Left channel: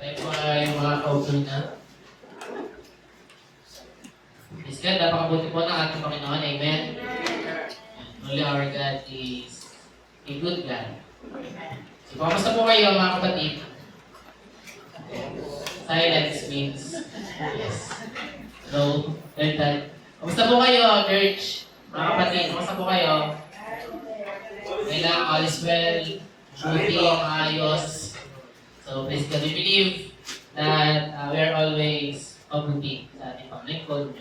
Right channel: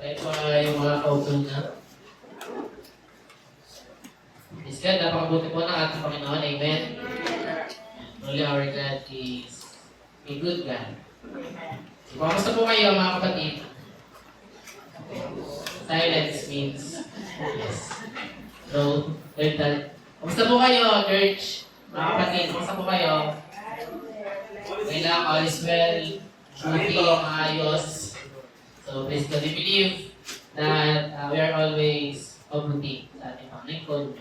Tayo po ay makakaupo na. Instead, napakabuti po ng ating Panginoon. Amen. Only our God is a good God. So, kamusta po kayo mga kapatid? Silence means yes. No, good God. Kamusta po kayo, church? Mga kapatid, kamusta po kayo? Kailang all is well, duty, maayos. So, praise God. We believe that we are always mabuti sa ating Panginoon.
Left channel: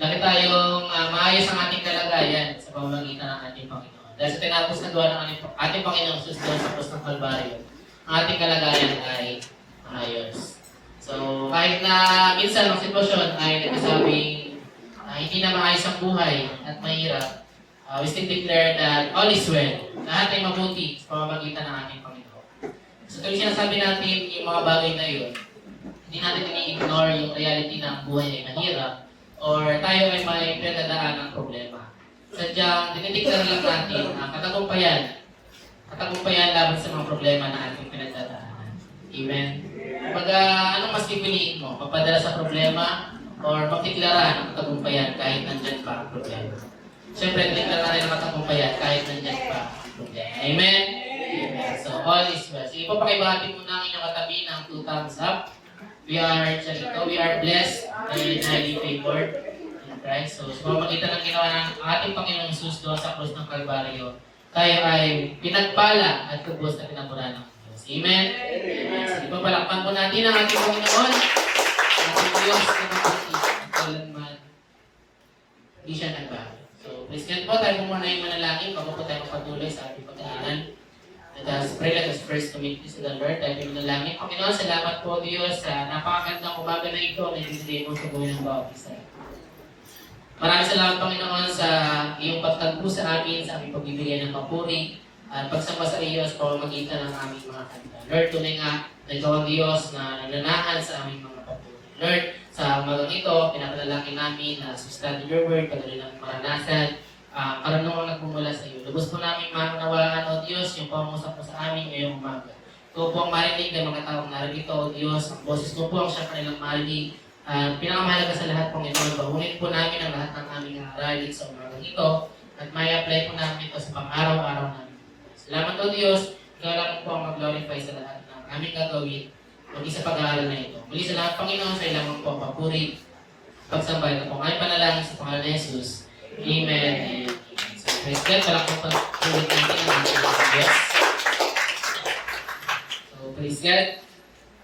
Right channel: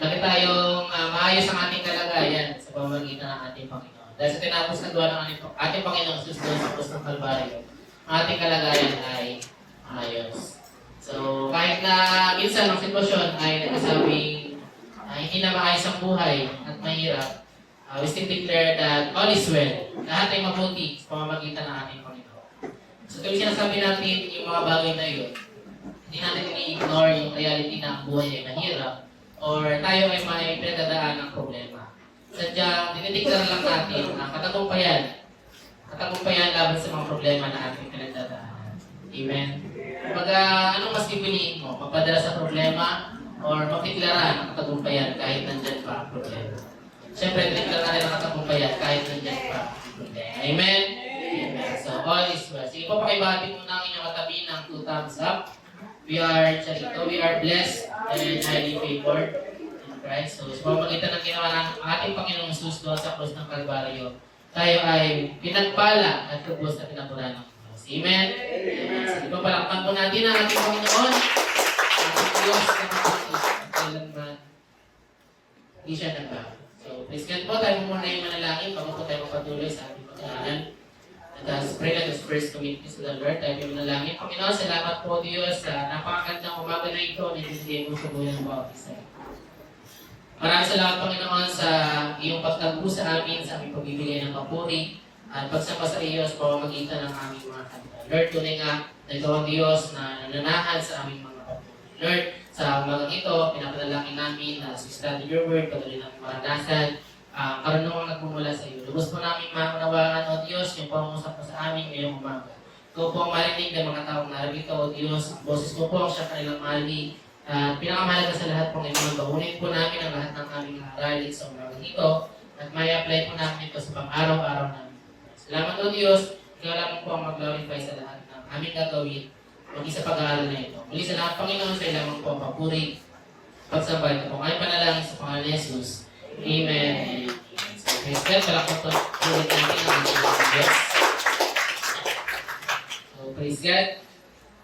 Lagi tayong maayos ang ating kalagayan sa pamamagitan ng ating Panginoon. Dahil sa tinapos na gawa ng ating Panginoon Jesus doon sa krus ng Kalbaryo, ang ating kalagayan ay maayos. So, kahit na minsan ang sitwasyon ay nagsasabing hindi na maayos ang buhay at mahirap, we still declare that all is well. Lahat ay mabuti sa pamamagitan ng ating Panginoon. So, tuloy sinasabi natin yung mga bagay na yun, hindi natin i-ignore yung reality na ang buhay ay mahirap or tayo ay may pinagdadaan ng problema. Sadyang, dinidiklar lang natin ang katagumpayan laban sa mga problema na ating pinagdadaanan. Amen? Kumbaga, anong mas pipiliin mo? Magpadala sa problema or magdeklara ng katagumpayan kahit nandyan pa ang problema? Siyempre, deklara rin ang katagumpayan kahit nandyan pa ang problema. Amen? Amen. So, all is well. So, ipapakibahati mo na ang inyong katabi ng 2 thumbs up. We are blessed and highly favored in Christ. So, sa pamamagitan ng ginawa ng ating Panginoong Jesus doon sa krus ng Kalbaryo, tayo ay pinagpala at kubos na pinaburan ng Diyos. Amen? Amen. So, ipapalakpan po natin ang ating Panginoon. Ang Diyos na mabuti at kailanman hindi siya nagbago. So, praise God po. Tayo muna ay manalangin bago po tayo magpatuloy sa ating pagkakanan. Let us pray, let us first to witness to the Lord. Tayo manalangin. Panginoon, salamat po Diyos sa napakagandang umaga na ito na ibigay mo sa buhay ng bawat isa. Maraming salamat Panginoon sa iyong pagtagpo sa amin, sa aming pagbibigay ng papuri at pagsamba sa iyo sa pamamagitan ng aming mga kanta. Lord, tunay nga na ikaw ang Diyos na nananahan sa aming mga papuri. Lord, sa umagang ito, pinapanalangin namin na study your word, patuloy ng maranasan, karunungan nagmumula sa iyo. Lubos po namin maunawaan, O Diyos, yung pangusap mo sa amin ngayong umaga. Ito po ang marinig ng mga taong narito, O Diyos. Ang boses ko po ang siya kanilang marinig. Pinakamahalaga sa lahat pong ito, bahunin po namin ang lahat ng aming aralin sa umagang ito at may apply po namin ito sa pang-araw-araw namin. Salamat O Diyos, ikaw lang po ang mag-glorify sa lahat ng aming gagawin maging sa pag-aaral na ito. Muli sa lahat, Panginoon, sa ilang po ang papuri, pagsambay ito po. Ay panalangin sa pangalan ni Jesus. Amen. So, praise God. Wala kong pag-ulit natin ang ating Diyos. So, praise God.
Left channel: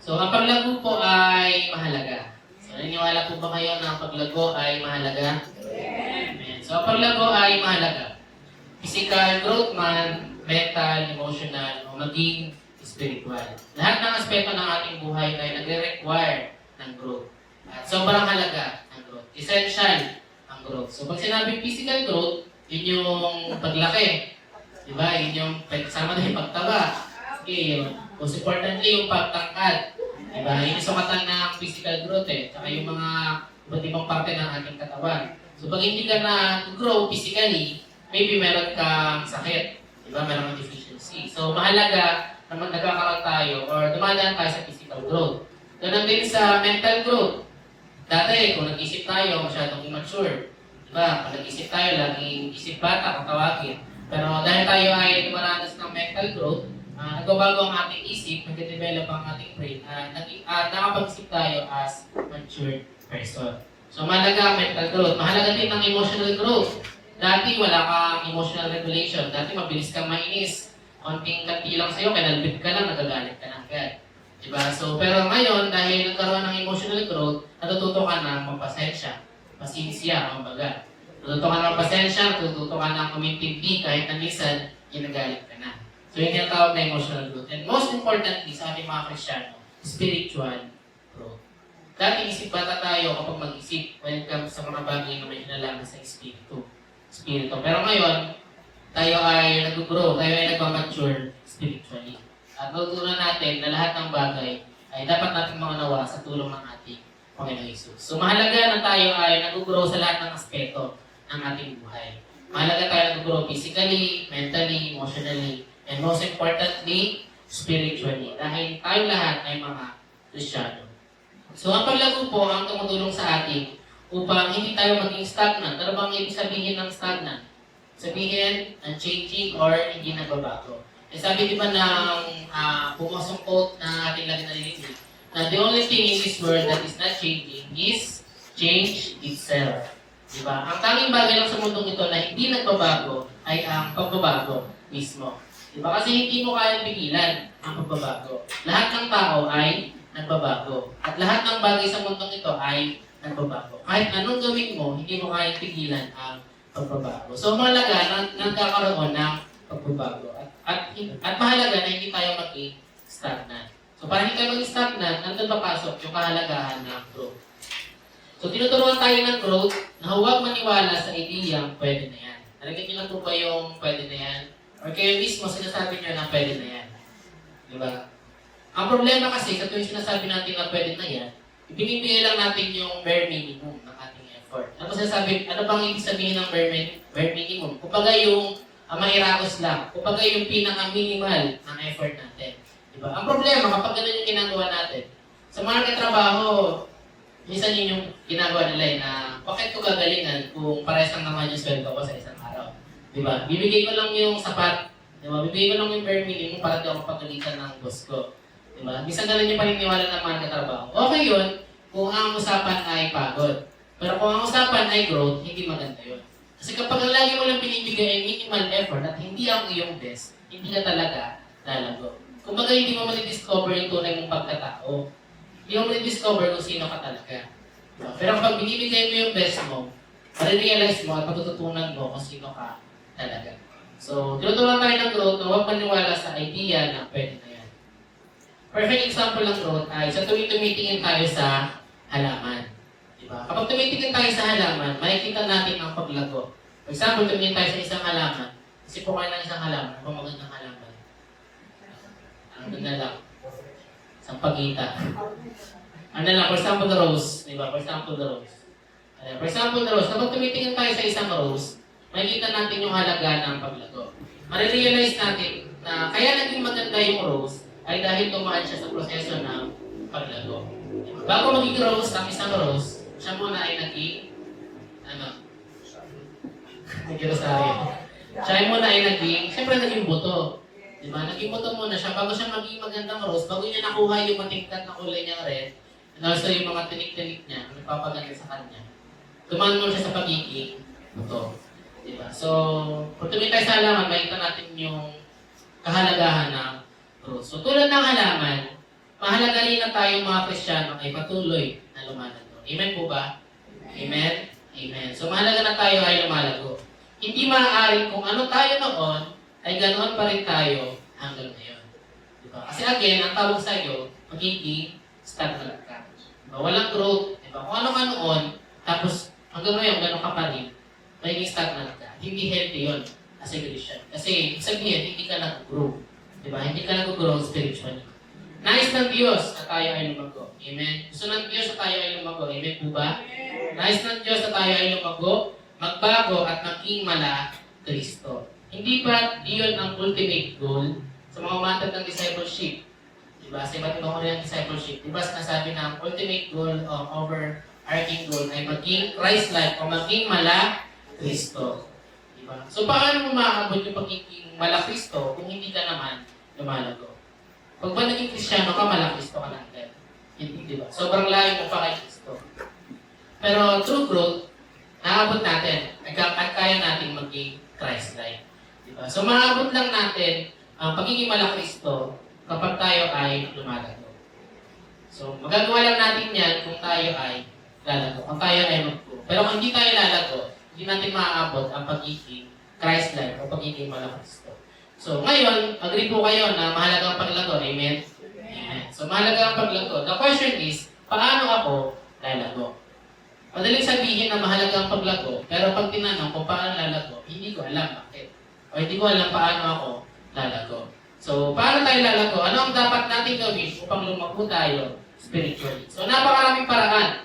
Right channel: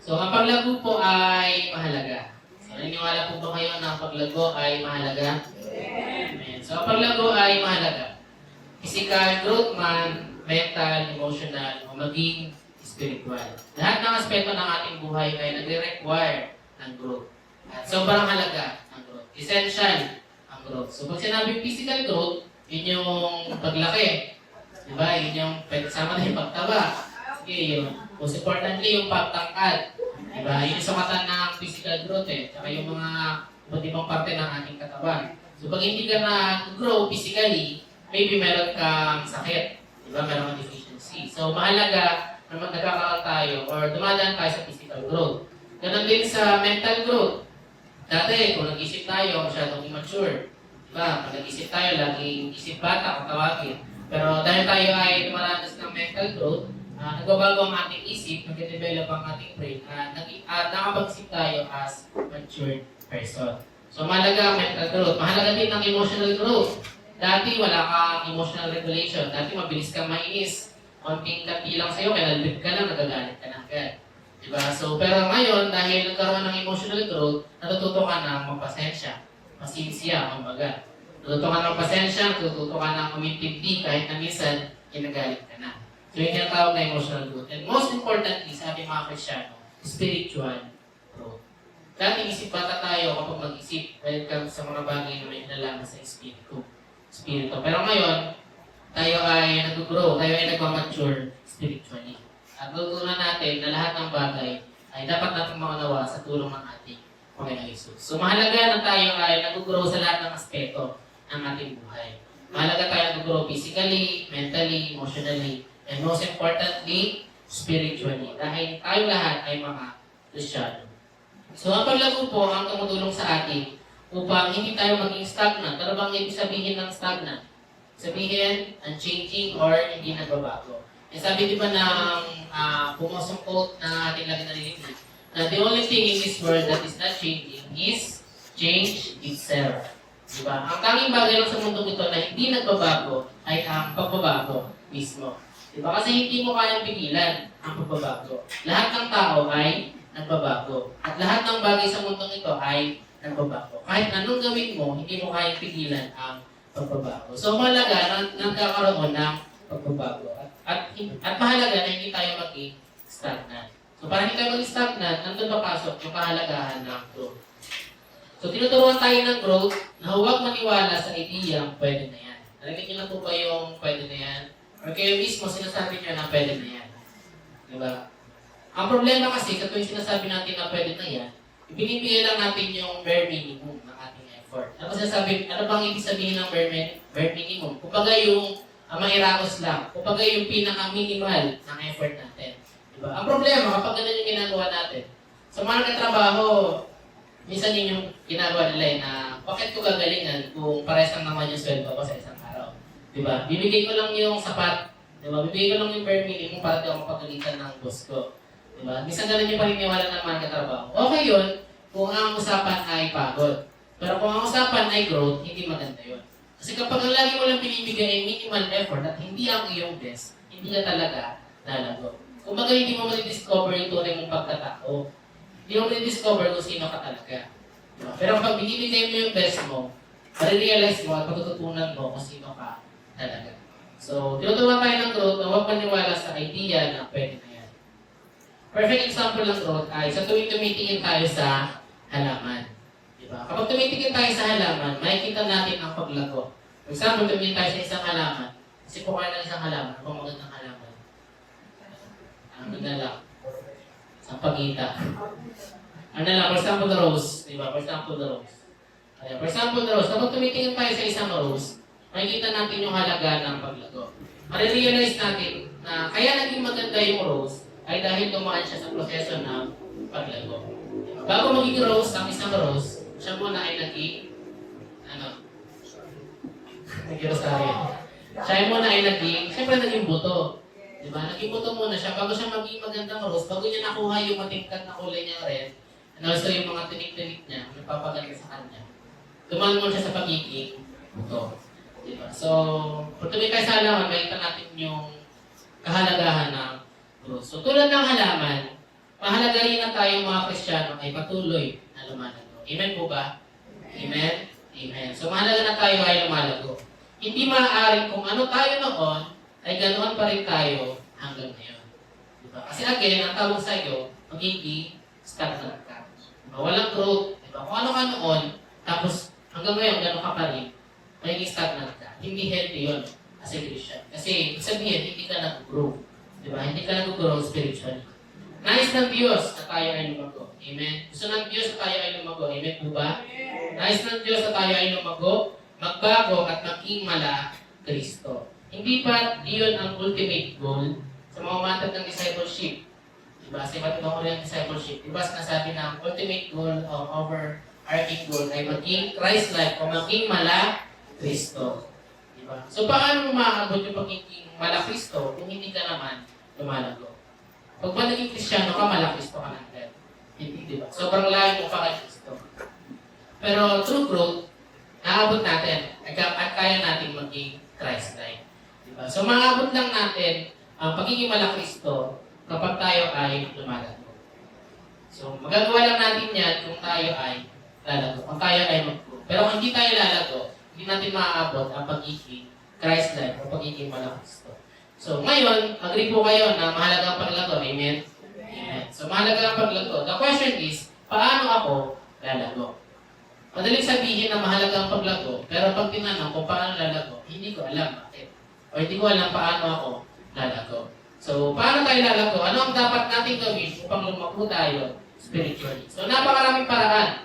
So, ang paglago po ay mahalaga. So, naniniwala po ba kayo na ang paglago ay mahalaga? Amen. So, ang paglago ay mahalaga. Physical growth man, mental, emotional, o maging spiritual. Lahat ng aspeto ng ating buhay ay nagre-require ng growth. At sobrang halaga ng growth. Essential ang growth. So pag sinabing physical growth, yun yung paglaki. Diba? Yun yung kasama na yung pagtaba. Okay, yun. Most importantly, yung pagtangkad. Diba? Yun yung sumatan ng physical growth eh. Saka yung mga iba't ibang parte ng ating katawan. So pag hindi ka na-grow physically, maybe meron kang sakit. Diba? Meron kang deficiency. So mahalaga na nagkakaroon tayo or dumadaan tayo sa physical growth. Ganon din sa mental growth. Dati, kung nag-isip tayo, masyadong immature. Diba? Kung nag-isip tayo, laging isip bata kung tawagin. Pero dahil tayo ay dumaranas ng mental growth, nagbabago ang ating isip, nag-develop ang ating brain, nakapag-isip tayo as matured person. So, mahalaga ang mental growth. Mahalaga din ang emotional growth. Dati, wala kang emotional regulation. Dati, mabilis kang mainis. Konting kanti lang sa'yo, kinalbit ka lang, nagagalit ka na agad. Diba? So, pero ngayon, dahil nagkaroon ng emotional growth, natututo ka na magpasensya. Pasinsya, kumbaga. Natututo ka na magpasensya, natututo ka na kumintindi kahit na minsan, ginagalit ka na. So, yun yung tawag na emotional growth. And most importantly, sa ating mga Kristyano, spiritual growth. Dati isip bata tayo kapag mag-isip when it comes sa mga bagay na may kinalaman sa espiritu. Pero ngayon, tayo ay nag-grow, tayo ay nag-mature spiritually. At tutunan natin na lahat ng bagay ay dapat natin maunawa sa tulong ng ating Panginoon Jesus. So mahalaga na tayo ay nag-grow sa lahat ng aspeto ng ating buhay. Mahalaga tayo nag-grow physically, mentally, emotionally, and most importantly, spiritually. Dahil tayo lahat ay mga Kristiyano. So ang paglago po ang tumutulong sa atin upang hindi tayo maging stagnant. Ano bang ibig sabihin ng stagnant? Sabihin, unchanging or hindi nagbabago. E sabi di ba ng pumusong quote na ating lagi narinig, na the only thing in this world that is not changing is change itself. Di ba? Ang tanging bagay lang sa mundong ito na hindi nagbabago ay ang pagbabago mismo. Di ba? Kasi hindi mo kayang pigilan ang pagbabago. Lahat ng tao ay nagbabago. At lahat ng bagay sa mundong ito ay nagbabago. Kahit anong gawin mo, hindi mo kayang pigilan ang pagbabago. So mahalaga na nagkakaroon ng pagbabago. At mahalaga na hindi tayo maging stagnant. So para hindi tayo maging stagnant, nandun papasok yung kahalagahan ng growth. So tinuturuan tayo ng growth na huwag maniwala sa ideyang pwede na yan. Nalagyan niyo lang po ba yung pwede na yan? Or kayo mismo sinasabi niyo na pwede na yan? Diba? Ang problema kasi, sa tuwing sinasabi natin na pwede na yan, ibinibigay lang natin yung bare minimum ng ating effort. Ano sinasabi, ano bang ibig sabihin ng bare minimum? Kumbaga yung mahiragos lang. Kumbaga yung pinaka-minimal ng effort natin. Diba? Ang problema, kapag ganun yung ginagawa natin, sa mga nagkatrabaho, minsan yun yung ginagawa nila na bakit ko gagalingan kung parehas lang naman yung sweldo ko sa isang araw. Diba? Bibigay ko lang yung sapat. Diba? Bibigay ko lang yung bare minimum para di ako patulitan ng boss ko. Diba? Minsan ganun yung paniniwala ng mga nagkatrabaho. Okay yun kung ang usapan ay pagod. Pero kung ang usapan ay growth, hindi maganda yun. Kasi kapag ang lagi mo lang pinibigay ay minimal effort at hindi ang iyong best, hindi ka talaga lalago. Kumbaga hindi mo ma-discover yung tunay mong pagkatao. Hindi mo ma-discover kung sino ka talaga. Diba? Pero kapag binibigay mo yung best mo, marirealize mo at matututunan mo kung sino ka talaga. So, tinuturuan tayo ng growth na huwag maniwala sa idea na pwede na yan. Perfect example ng growth ay sa tuwing tumitingin tayo sa halaman. Diba? Kapag tumitingin tayo sa halaman, makikita natin ang paglago. For example, tumingin tayo sa isang halaman. Kasi po kayo ng isang halaman, kung magandang halaman. Ang ganda lang. Isang pagita. Ano lang, for example, the rose. Diba? For example, the rose. For example, the rose. Kapag tumitingin tayo sa isang rose, makikita natin yung halaga ng paglago. Marirealize natin na kaya naging maganda yung rose ay dahil tumaan siya sa proseso ng paglago. Bago maging rose, ang isang rose, siya muna ay naging, naging-rosaryo. Siya muna ay naging, siyempre naging buto. Diba? Naging buto muna siya, bago siya maging magandang rose, bago niya nakuha yung matingkat na kulay niya red, and also yung mga tinik-tinik niya, nagpapagaling sa kanya. Tumaan mo siya sa pagiging buto. Diba? So, kung tumingin tayo sa halaman, makita natin yung kahalagahan ng rose. So, tulad ng halaman, mahalagayin na tayo mga Kristiyano ay patuloy na lumalago. Amen po ba? Amen? Amen. So, mahalaga na tayo ay lumalago. Hindi maaaring kung ano tayo noon, ay ganoon pa rin tayo hanggang ngayon. Diba? Kasi again, ang tawag sa iyo, magiging stagnant ka. Diba? Walang growth. Diba? Kung ano ka noon, tapos hanggang ngayon, ganoon ka pa rin, magiging stagnant ka. Hindi healthy yun as a Christian. Kasi sabihin, hindi ka nag-grow. Diba? Hindi ka nag-grow spiritually. Nais ng Diyos na tayo ay lumago. Amen? Gusto ng Diyos na tayo ay lumago. Amen po ba? Nais ng Diyos na tayo ay lumago, magbago at maging mala Kristo. Hindi ba iyon ang ultimate goal sa mga umatag ng discipleship? Diba? Sa iba't ibang uri ng discipleship. Diba sinasabi na ang ultimate goal o overarching goal ay maging Christ-like o maging mala Kristo. Diba? So paano mo maabot yung pagiging mala Kristo kung hindi ka naman lumalago? Pag ba naging Kristiyano ka, mala Kristo ka na agad. Hindi, diba? Sobrang layo mo pa kay Kristo. Pero true growth, naabot natin at kaya natin maging Christ-like. Diba? So maabot lang natin ang pagiging mala Kristo kapag tayo ay lumalago. So magagawa lang natin yan kung tayo ay lalago, kung tayo ay mag-grow. Pero kung hindi tayo lalago, hindi natin maaabot ang pagiging Christ-like o pagiging mala Kristo. So ngayon, agree po kayo na mahalaga ang paglago. Amen? Amen. So mahalaga ang paglago. The question is, paano ako lalago? Madaling sabihin na mahalaga ang paglago, pero pag tinanong kung paano lalago, hindi ko alam bakit. O hindi ko alam paano ako lalago. So, paano tayo lalago? Ano ang dapat natin gawin upang lumago tayo spiritually? So, napakaraming paraan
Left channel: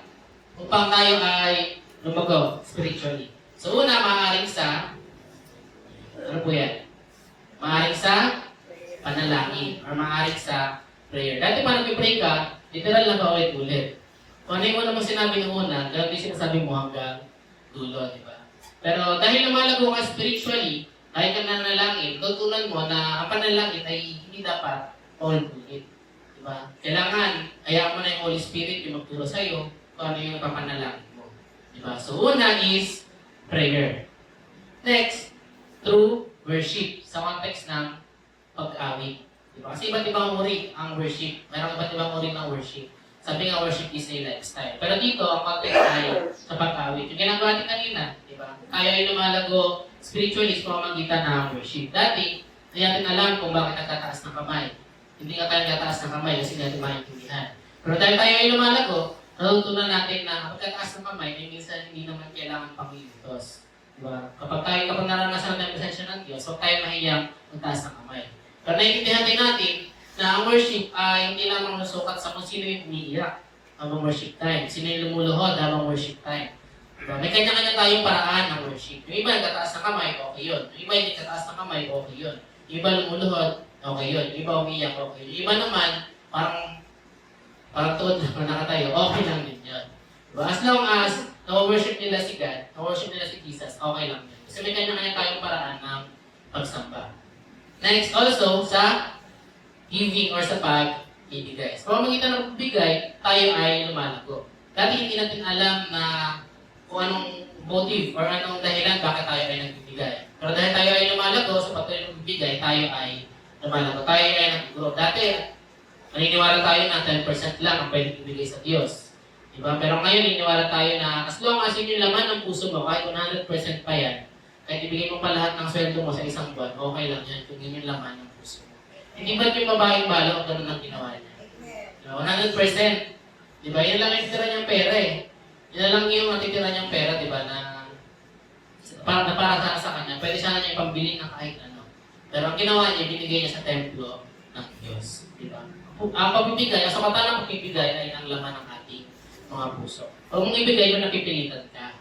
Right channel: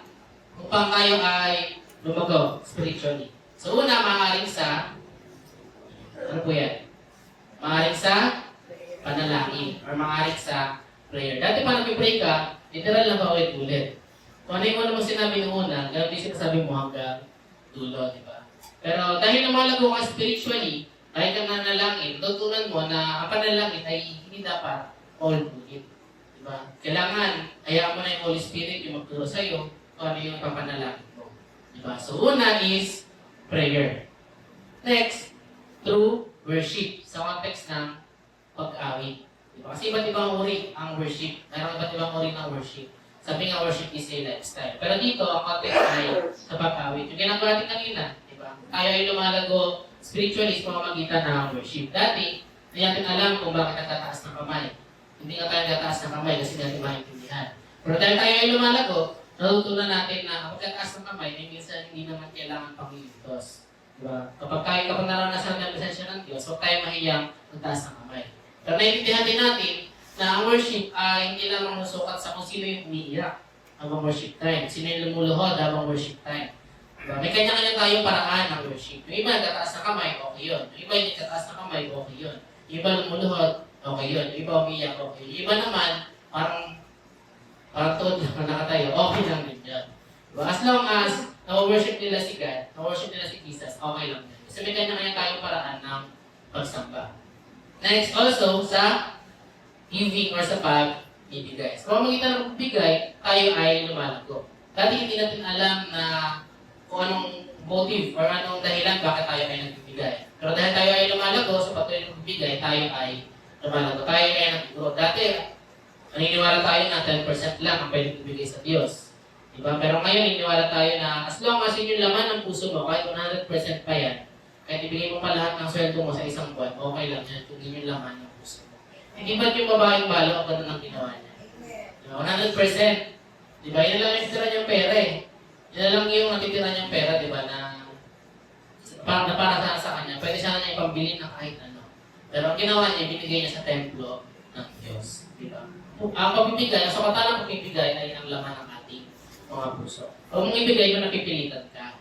upang tayo ay lumago spiritually. So, una, maaaring sa, ano po yan? Maaaring sa panalangin or maaaring sa prayer. Dati pa nag-pray ka, literal lang paulit-ulit. Kung ano yung una mo sinabi noong una, ganun din sinasabi mo hanggang dulo, di ba? Pero dahil lumalago ka spiritually, kahit ka nanalangin, tutunan mo na ang panalangin ay hindi dapat paulit-ulit. Di ba? Kailangan, hayaan mo na yung Holy Spirit yung magturo sa'yo kung ano yung papanalangin mo. Di ba? So, una is prayer. Next, through worship sa context ng pag-awit. Diba? Kasi iba't ibang uri ang worship. Mayroong iba't ibang uri ng worship. Sabi nga worship is a lifestyle. Pero dito, ang context ay sa pag-awit. Yung ginagawa natin kanina, diba? Tayo ay lumalago spiritually sa pamamagitan ng worship. Dati, hindi natin alam kung bakit nagtataas ng kamay. Hindi ka tayo nagtataas ng kamay kasi natin maintindihan. Pero dahil tayo ay lumalago, natutunan natin na ang pagtataas ng kamay ay minsan hindi naman kailangan pangiligtos. Diba? Kapag naranasan ng presensya ng Diyos, huwag tayo mahiyang magtaas ng kamay. Pero naiintindihan din natin na ang worship ay hindi lang manusukat sa kung sino yung umiiyak habang worship time, sino yung lumuluhod habang worship time. Diba? May kanya-kanya tayong paraan ng worship. Yung iba nagtataas ng kamay, okay yun. Yung iba hindi nagtataas ng kamay, okay yun. Yung iba lumuluhod, okay yun. Yung iba umiiyak, okay. Yung iba naman, parang tuod lang na nakatayo, okay lang din yan. Diba? As long as na-worship nila si God, na-worship nila si Jesus, okay lang din. Kasi may kanya-kanya tayong paraan ng pagsamba. Next, also, sa giving or sa pag-ibigay. Sa pamamagitan ng pagbigay, tayo ay lumalago. Dati hindi natin alam na kung anong motive or anong dahilan bakit tayo ay nagbibigay. Pero dahil tayo ay lumalago, sa patuloy ng pagbibigay, tayo ay lumalago. Tayo ay nag-grow. Dati, naniniwala tayo na 10% lang ang pwede ibigay sa Diyos. Diba? Pero ngayon, naniniwala tayo na as long as yun yung laman ng puso mo, kahit 100% pa yan, kahit ibigay mo pa lahat ng sweldo mo sa isang buwan, okay lang yan kung yun yung laman ng puso mo. Hindi ba't yung babaeng balo ang ganun ang ginawa niya? 100%. Diba? Yan lang yung natitira niyang pera eh. Yan lang yung natitira niyang pera, diba? Na para sa kanya. Pwede sana niya ipambili ng kahit ano. Pero ang ginawa niya, binigay niya sa templo ng Diyos. Diba? Ang pagbibigay, sa kata ng pagbibigay ay ang laman ng ating mga puso. Huwag mong ibigay kung napipilitan ka.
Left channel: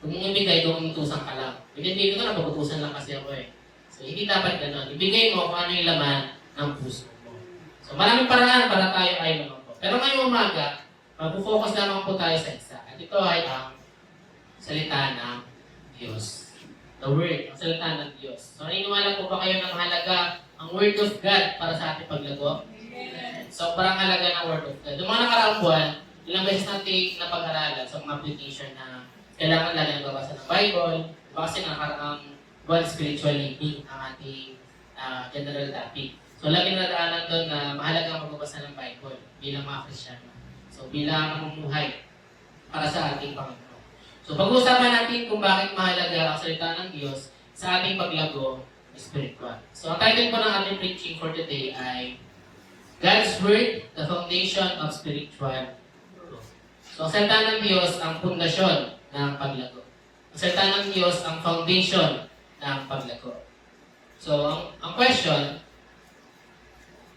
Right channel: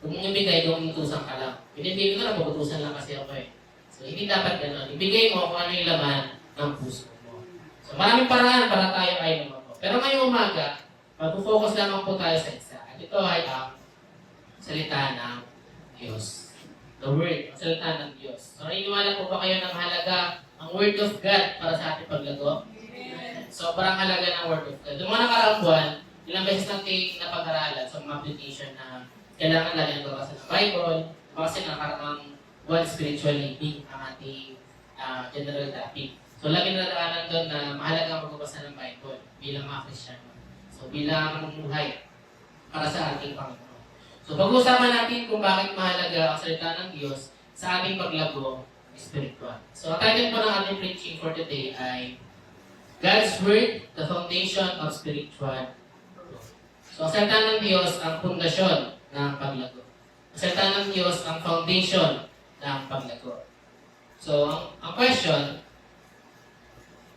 Huwag mong ibigay kung utusan ka lang. Hindi ko na napuputusan lang kasi ako eh. So, hindi dapat gano'n. Ibigay mo kung ano yung laman ng puso mo. So, maraming paraan para tayo ay lumako. Pero ngayong umaga, mag-focus lang po tayo sa isa. At ito ay ang salita ng Diyos. The Word, ang salita ng Diyos. So, naniniwala po ba kayo ng halaga ang Word of God para sa ating paglago? So, parang halaga ng Word of God. Yung mga nakaraang buwan, ilang beses natin napag-aralan sa mga application na kailangan lang yung babasa ng Bible, kasi nakaraang buwan spiritual living ang ating general topic. So, lagi naraanan doon na mahalaga ang pagbabasa ng Bible bilang mga Kristyano. So, bilang mamuhay para sa ating Panginoon. So, pag-uusapan natin kung bakit mahalaga ang salita ng Diyos sa ating paglago spiritual. So, ang title po ng ating preaching for today ay God's Word, the Foundation of Spiritual Growth. So, ang salita ng Diyos ang pundasyon ng paglago. Ang salita ng Diyos ang foundation ng paglago. So, ang question,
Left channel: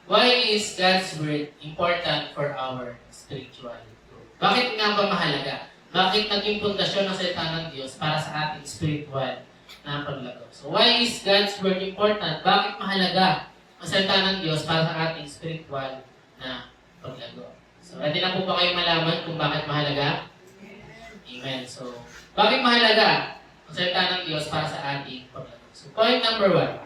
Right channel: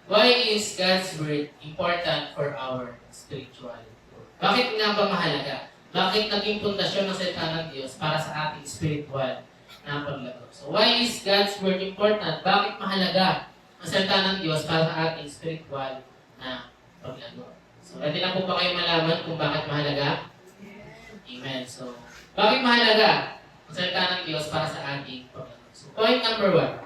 why is God's Word important for our spiritual growth? Bakit nga ba mahalaga? Bakit naging pundasyon ng salita ng Diyos para sa ating spiritual na paglago? So, why is God's Word important? Bakit mahalaga ang salita ng Diyos para sa ating spiritual na paglago? So, ready na po ba kayo malaman kung bakit mahalaga? Amen. So, bakit mahalaga ang salita ng Diyos para sa ating paglago? So, point number one.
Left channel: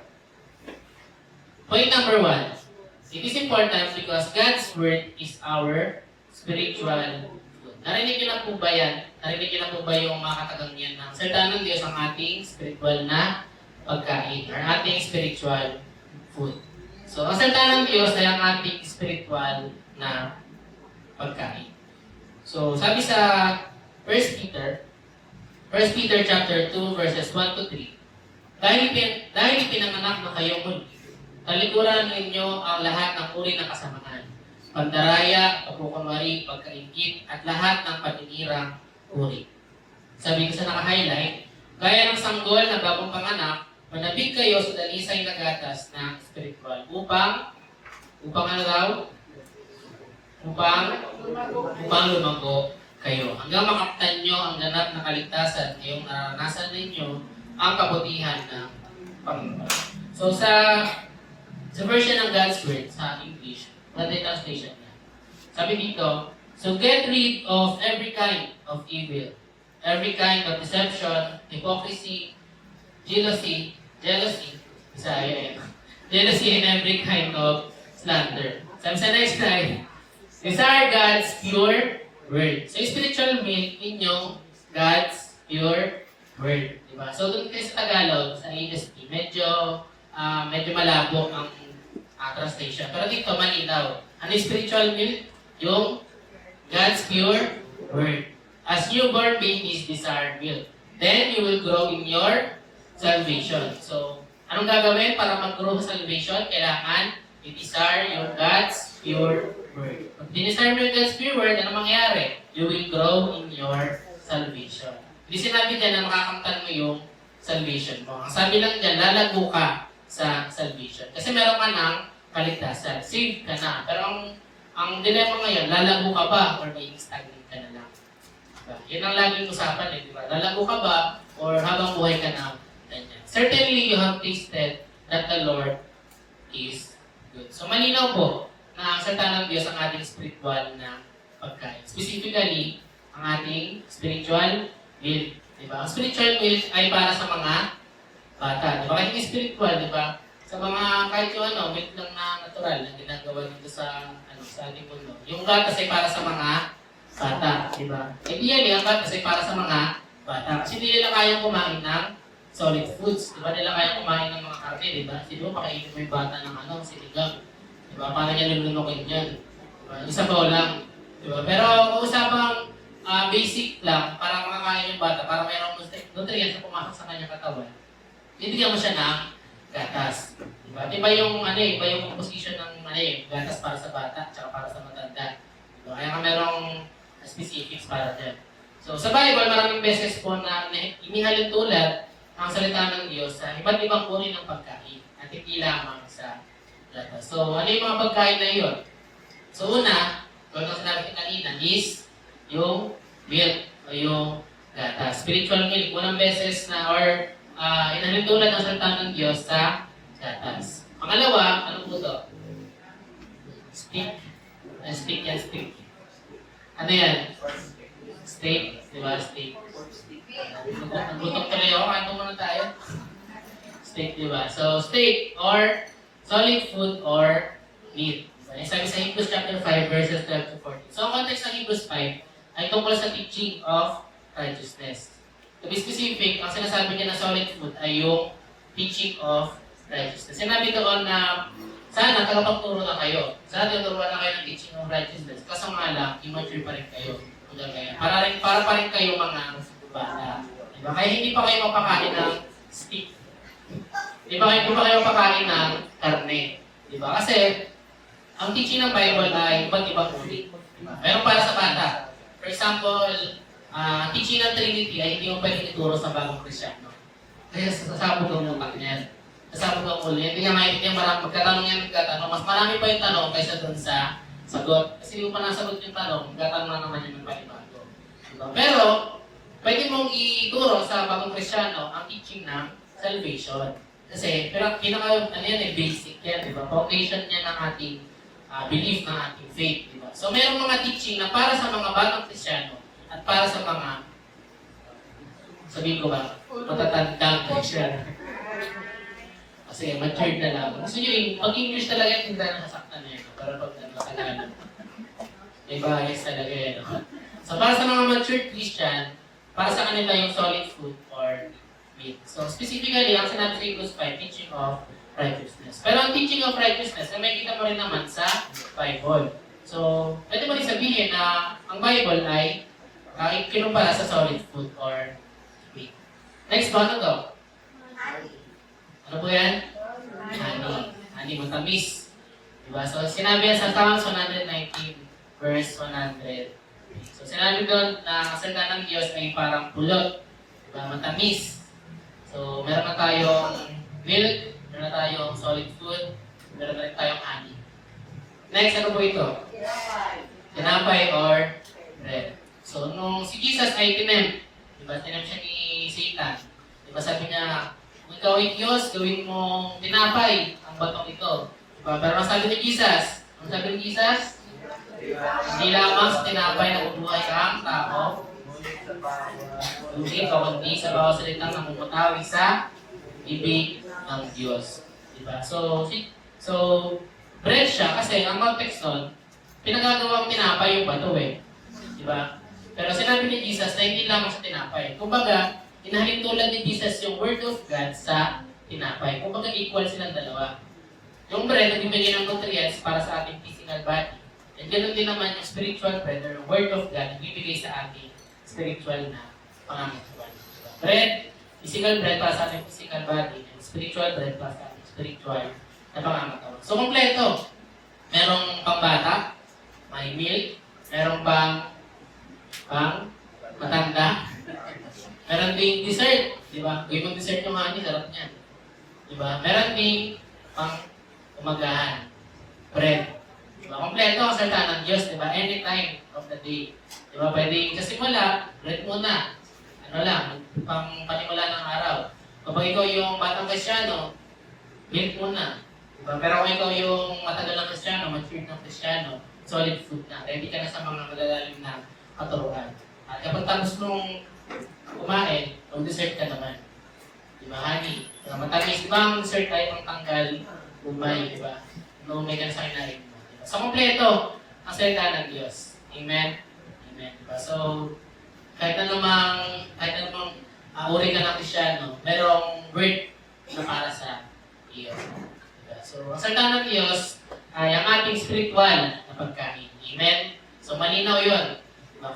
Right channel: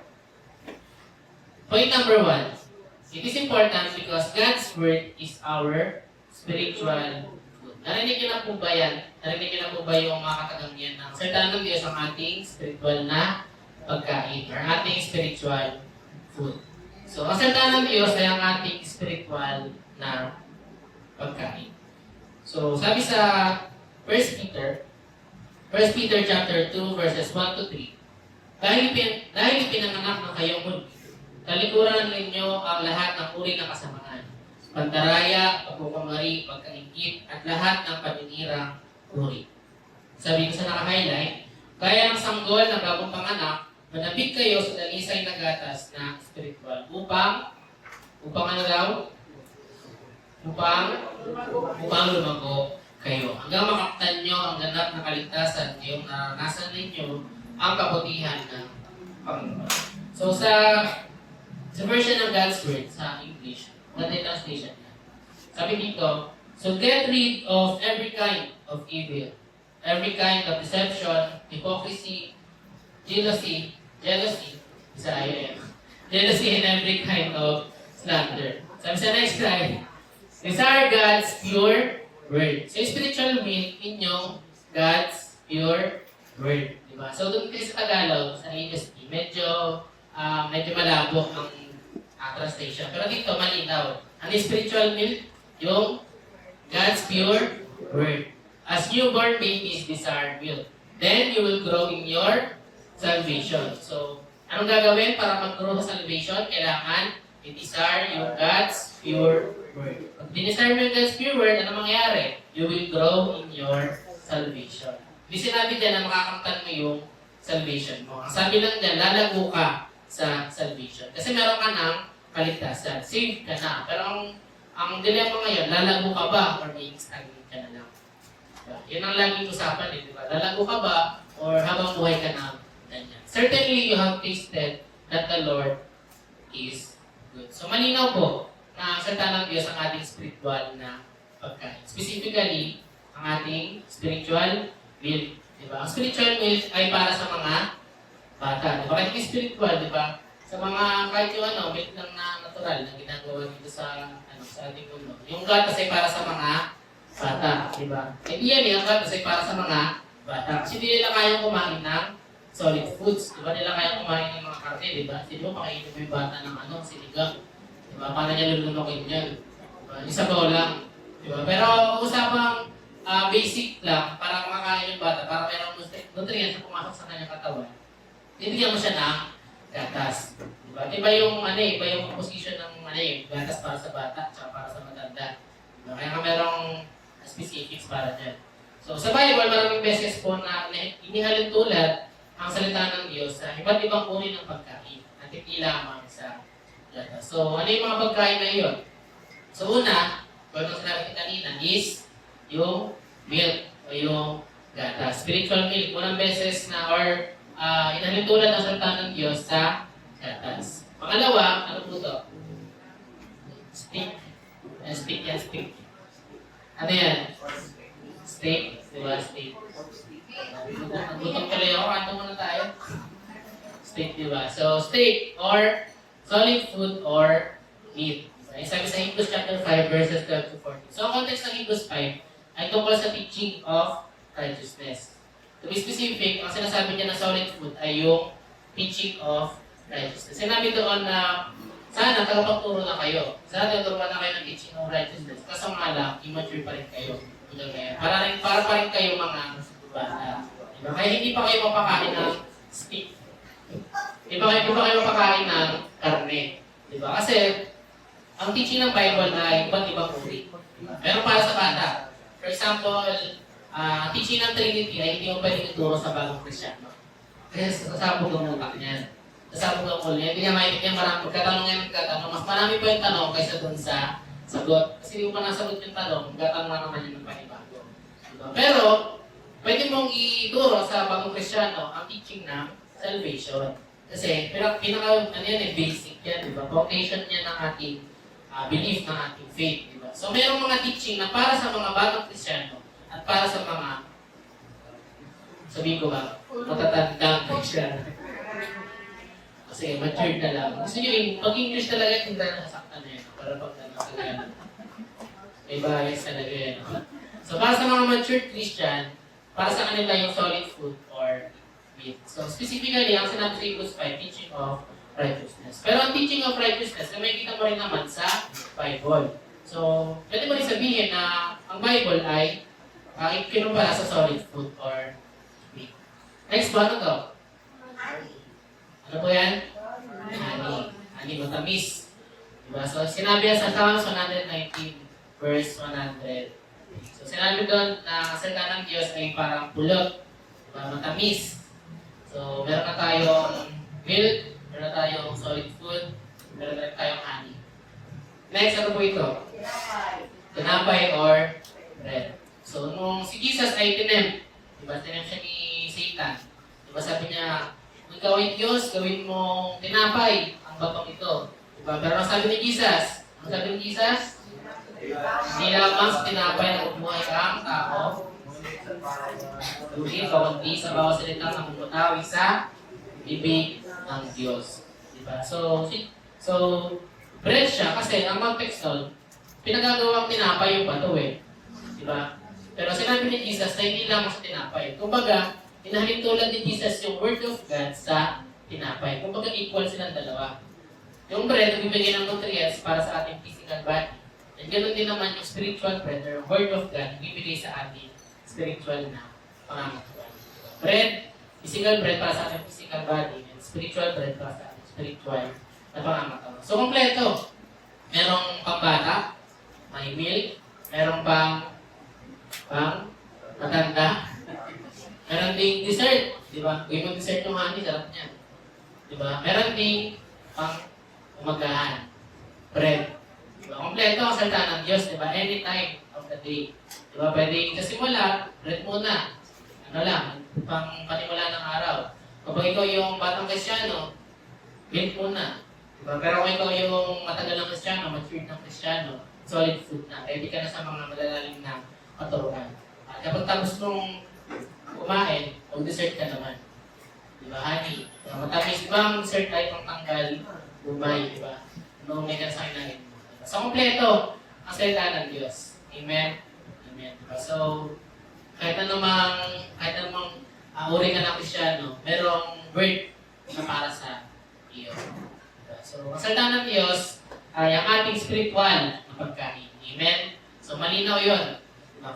It is important because God's Word is our spiritual food. Narinig niyo na po ba yan? Narinig niyo na po ba yung mga katagang ng salita ng Diyos ang ating spiritual na pagkain or ating spiritual food? So, ang salita ng Diyos ay ang ating spiritual na pagkain. So, sabi sa 1 Peter chapter 2 verses 1 to 3, dahil ipinanganak na kayo muli, talikuran ninyo ang lahat ng uri ng kasamaan, pandaraya, pagkukunwari, pagkaingit, at lahat ng paninirang uri. Sabi ko sa naka-highlight, gaya ng sanggol na bagong panganak, manabig kayo sa dalisay na gatas na spiritual upang ano daw? Upang lumago kayo. Hanggang makaktan nyo ang ganap na kaligtasan ngayong naranasan ninyo ang kabutihan ng Panginoon. So sa version ng God's Word sa English, Maganda yung translation niya. Sabi dito, so get rid of every kind of evil, every kind of deception, hypocrisy, jealousy, jealousy and every kind of slander. Sabi sa next slide, desire God's pure word. So spiritual meal, inyong God's pure word. Diba? So doon tayo sa Tagalog, sa HSP, medyo malabo ang translation. Pero dito, malinaw. Ano yung spiritual meal? Yung God's pure word. As newborn babies desire milk, then you will grow in your salvation. So, anong gagawin para mag-grow sa salvation? Kailangan i-desire yung God's pure word. Pag dinesire mo yung God's pure word, ano mangyayari? You will grow in your salvation. Hindi sinabi dyan na makakamtan mo yung salvation mo. Ang sabi lang dyan, lalago ka sa salvation. Kasi meron ka ng kaligtasan. Saved ka na. Pero ang dilemma ngayon, lalago ka ba or may stagnant ka na lang? Diba? Yun ang laging usapan eh, diba? Lalago ka ba or habang buhay ka na ganyan? Certainly, you have tasted that the Lord is good. So, malinaw po na ang salita ng Diyos ang ating spiritual na pagkain. Specifically, ang ating spiritual milk. Diba? Ang spiritual milk ay para sa mga bata. Diba? Kahit hindi spiritual, diba? Sa mga kahit yung milk lang na natural na ginagawa dito sa ating mundo. Yung gatas ay para sa mga bata, di ba? Hindi yan ang gatas ay para sa mga bata. Kasi hindi nila kayang kumain ng solid foods. Di ba nila kayang kumain ng mga karne, di ba? Di ba pakainin mo yung bata ng sinigang. Di ba? Paano niya lulunukin yan? Di ba? Isa ba lang? Di ba? Pero usapang basic lang para makakain yung bata, para mayroong nutrients na pumasok sa kanyang katawan. Bibigyan mo siya ng gatas. Diba? Iba yung composition ng gatas para sa bata at para sa matanda. Diba? Kaya merong specifics para dyan. So sa Bible, maraming beses po na inihalin tulad ang salita ng Diyos sa iba't ibang uri ng pagkain at hindi lamang sa gatas. So ano yung mga pagkain na yun? So una, kung ang sinabi kanina is yung milk o yung gatas. Spiritual milk, unang beses na inahalin tulad ang salita ng Diyos sa gatas. Pangalawa, ano po ito? Steak. Steak yan, steak. Ano yan? Steak. Diba? Steak. Nagutom tuloy ako. Ano muna tayo? Steak, diba? So, steak or solid food or meat. Sabi sa Hebrews chapter 5 verses 12 to 14. So, ang context ng Hebrews 5 ay tungkol sa teaching of righteousness. To be specific, ang sinasabi niya na solid food ay yung teaching of righteousness. Sinabi doon na sana tagapagturo na kayo. Sana tuturuan na kayo ng teaching of righteousness. Kaso nga lang, immature pa rin kayo. Para pa rin kayo mga bata. Diba? Kaya hindi pa kayo mapakain ng steak. Hindi pa kayo mapakain ng karne. Diba? Kasi, ang teaching ng Bible ay iba't ibang uri. Meron para sa bata. For example, teaching ng Trinity ay hindi mo pwedeng ituro sa bagong Kristyano. Kasi sasabog ang utak niyan. Sasabog ang ulo niya. Hindi niya maintindihan marami. Magkatanong yan, magkatanong. Mas marami pa yung tanong kaysa dun sa sagot. Kasi yung panasagot yung tanong, magkatanong na naman yung panibago. Pero, pwede mong ituro sa bagong Kristyano ang teaching ng salvation. Kasi, basic yan, di ba? Foundation niya ng ating belief, ng ating faith, di ba? So, mayroong mga teaching na para sa mga bagong Kristyano at para sa mga, sabihin ko ba, matatandang Kristyano. Kasi matured na lang. Gusto nyo yung pag-English talaga, hindi na nasaktan na yun. Para pag nagkakalan. Iba-ayos talaga yun. So, para sa mga matured Christian, para sa kanila yung solid food or meat. So, specifically, ang sinabi sa Hebrews 5, teaching of righteousness. Pero ang teaching of righteousness, may kita mo rin naman sa Bible. So, pwede mo rin sabihin na ang Bible ay kinumpara sa solid food or meat. Next one, ano to? Ano po yan? Honey, matamis. Diba? So, sinabi yan sa Psalms 119, verse 100. So, sinabi doon na kasalita ng Diyos ay parang pulot. Diba? Matamis. So, meron na tayong milk, meron na tayong solid food, meron na tayong honey. Next, ano po ito? Tinapay or bread. So, nung si Jesus ay tinempt, diba? Tinempt siya ni Satan. Diba? Sabi niya, kung gawin Diyos, gawin mong tinapay ang batong ito. Diba? Pero sabi ni Jesus, ang Ang sabi ni Jesus, hindi lamang sa tinapay na umuhay ang tao, kundi sa bawat salita ng umutawi sa bibig ng Diyos. Diba? So, bread siya kasi ang context nun, pinagagawang tinapay yung bato eh. Diba? Pero sinabi ni Jesus na hindi lamang sa tinapay. Kumbaga, inahalin tulad ni Jesus yung Word of God sa tinapay. Kumbaga, equal silang dalawa. Yung bread, nagbibigay ng nutrients para sa ating physical body. And ganoon din naman yung spiritual bread or yung Word of God, nagbibigay sa ating spiritual na pangangailangan. Bread, physical bread para sa ating physical body, and spiritual bread para sa ating spiritual na pangangailangan. So, kompleto. Merong pambata, may milk, merong pang matanda. Meron ding dessert, di ba? Kung yung dessert ng honey, sarap niyan. Di ba? Meron ding pang umagahan, bread. Di ba? Kompleto ang salita ng Diyos, di ba? Any time of the day. Di ba? Pwede sa simula, bread muna. Ano lang, pang panimula ng araw. Kapag ikaw yung batang Kristyano, milk muna. Di ba? Pero kung ikaw yung matagal ng Kristyano, matured ng Kristyano, solid food na. Ready ka na sa mga madalalim na katuruan. At kapag tapos mong kumain, mag-dessert ka naman. Di ba, honey? Matamis, diba ang dessert ay pangtanggal, umay, di ba? No, may kansay na rin mo. Diba? So, kompleto ang salita ng Diyos. Amen? Amen. Diba? So, kahit anumang uri ka ng Kristyano, merong word na para sa iyo. Diba? So, ang salita ng Diyos ay ang ating spiritual na pagkain. Amen? So, malinaw yun.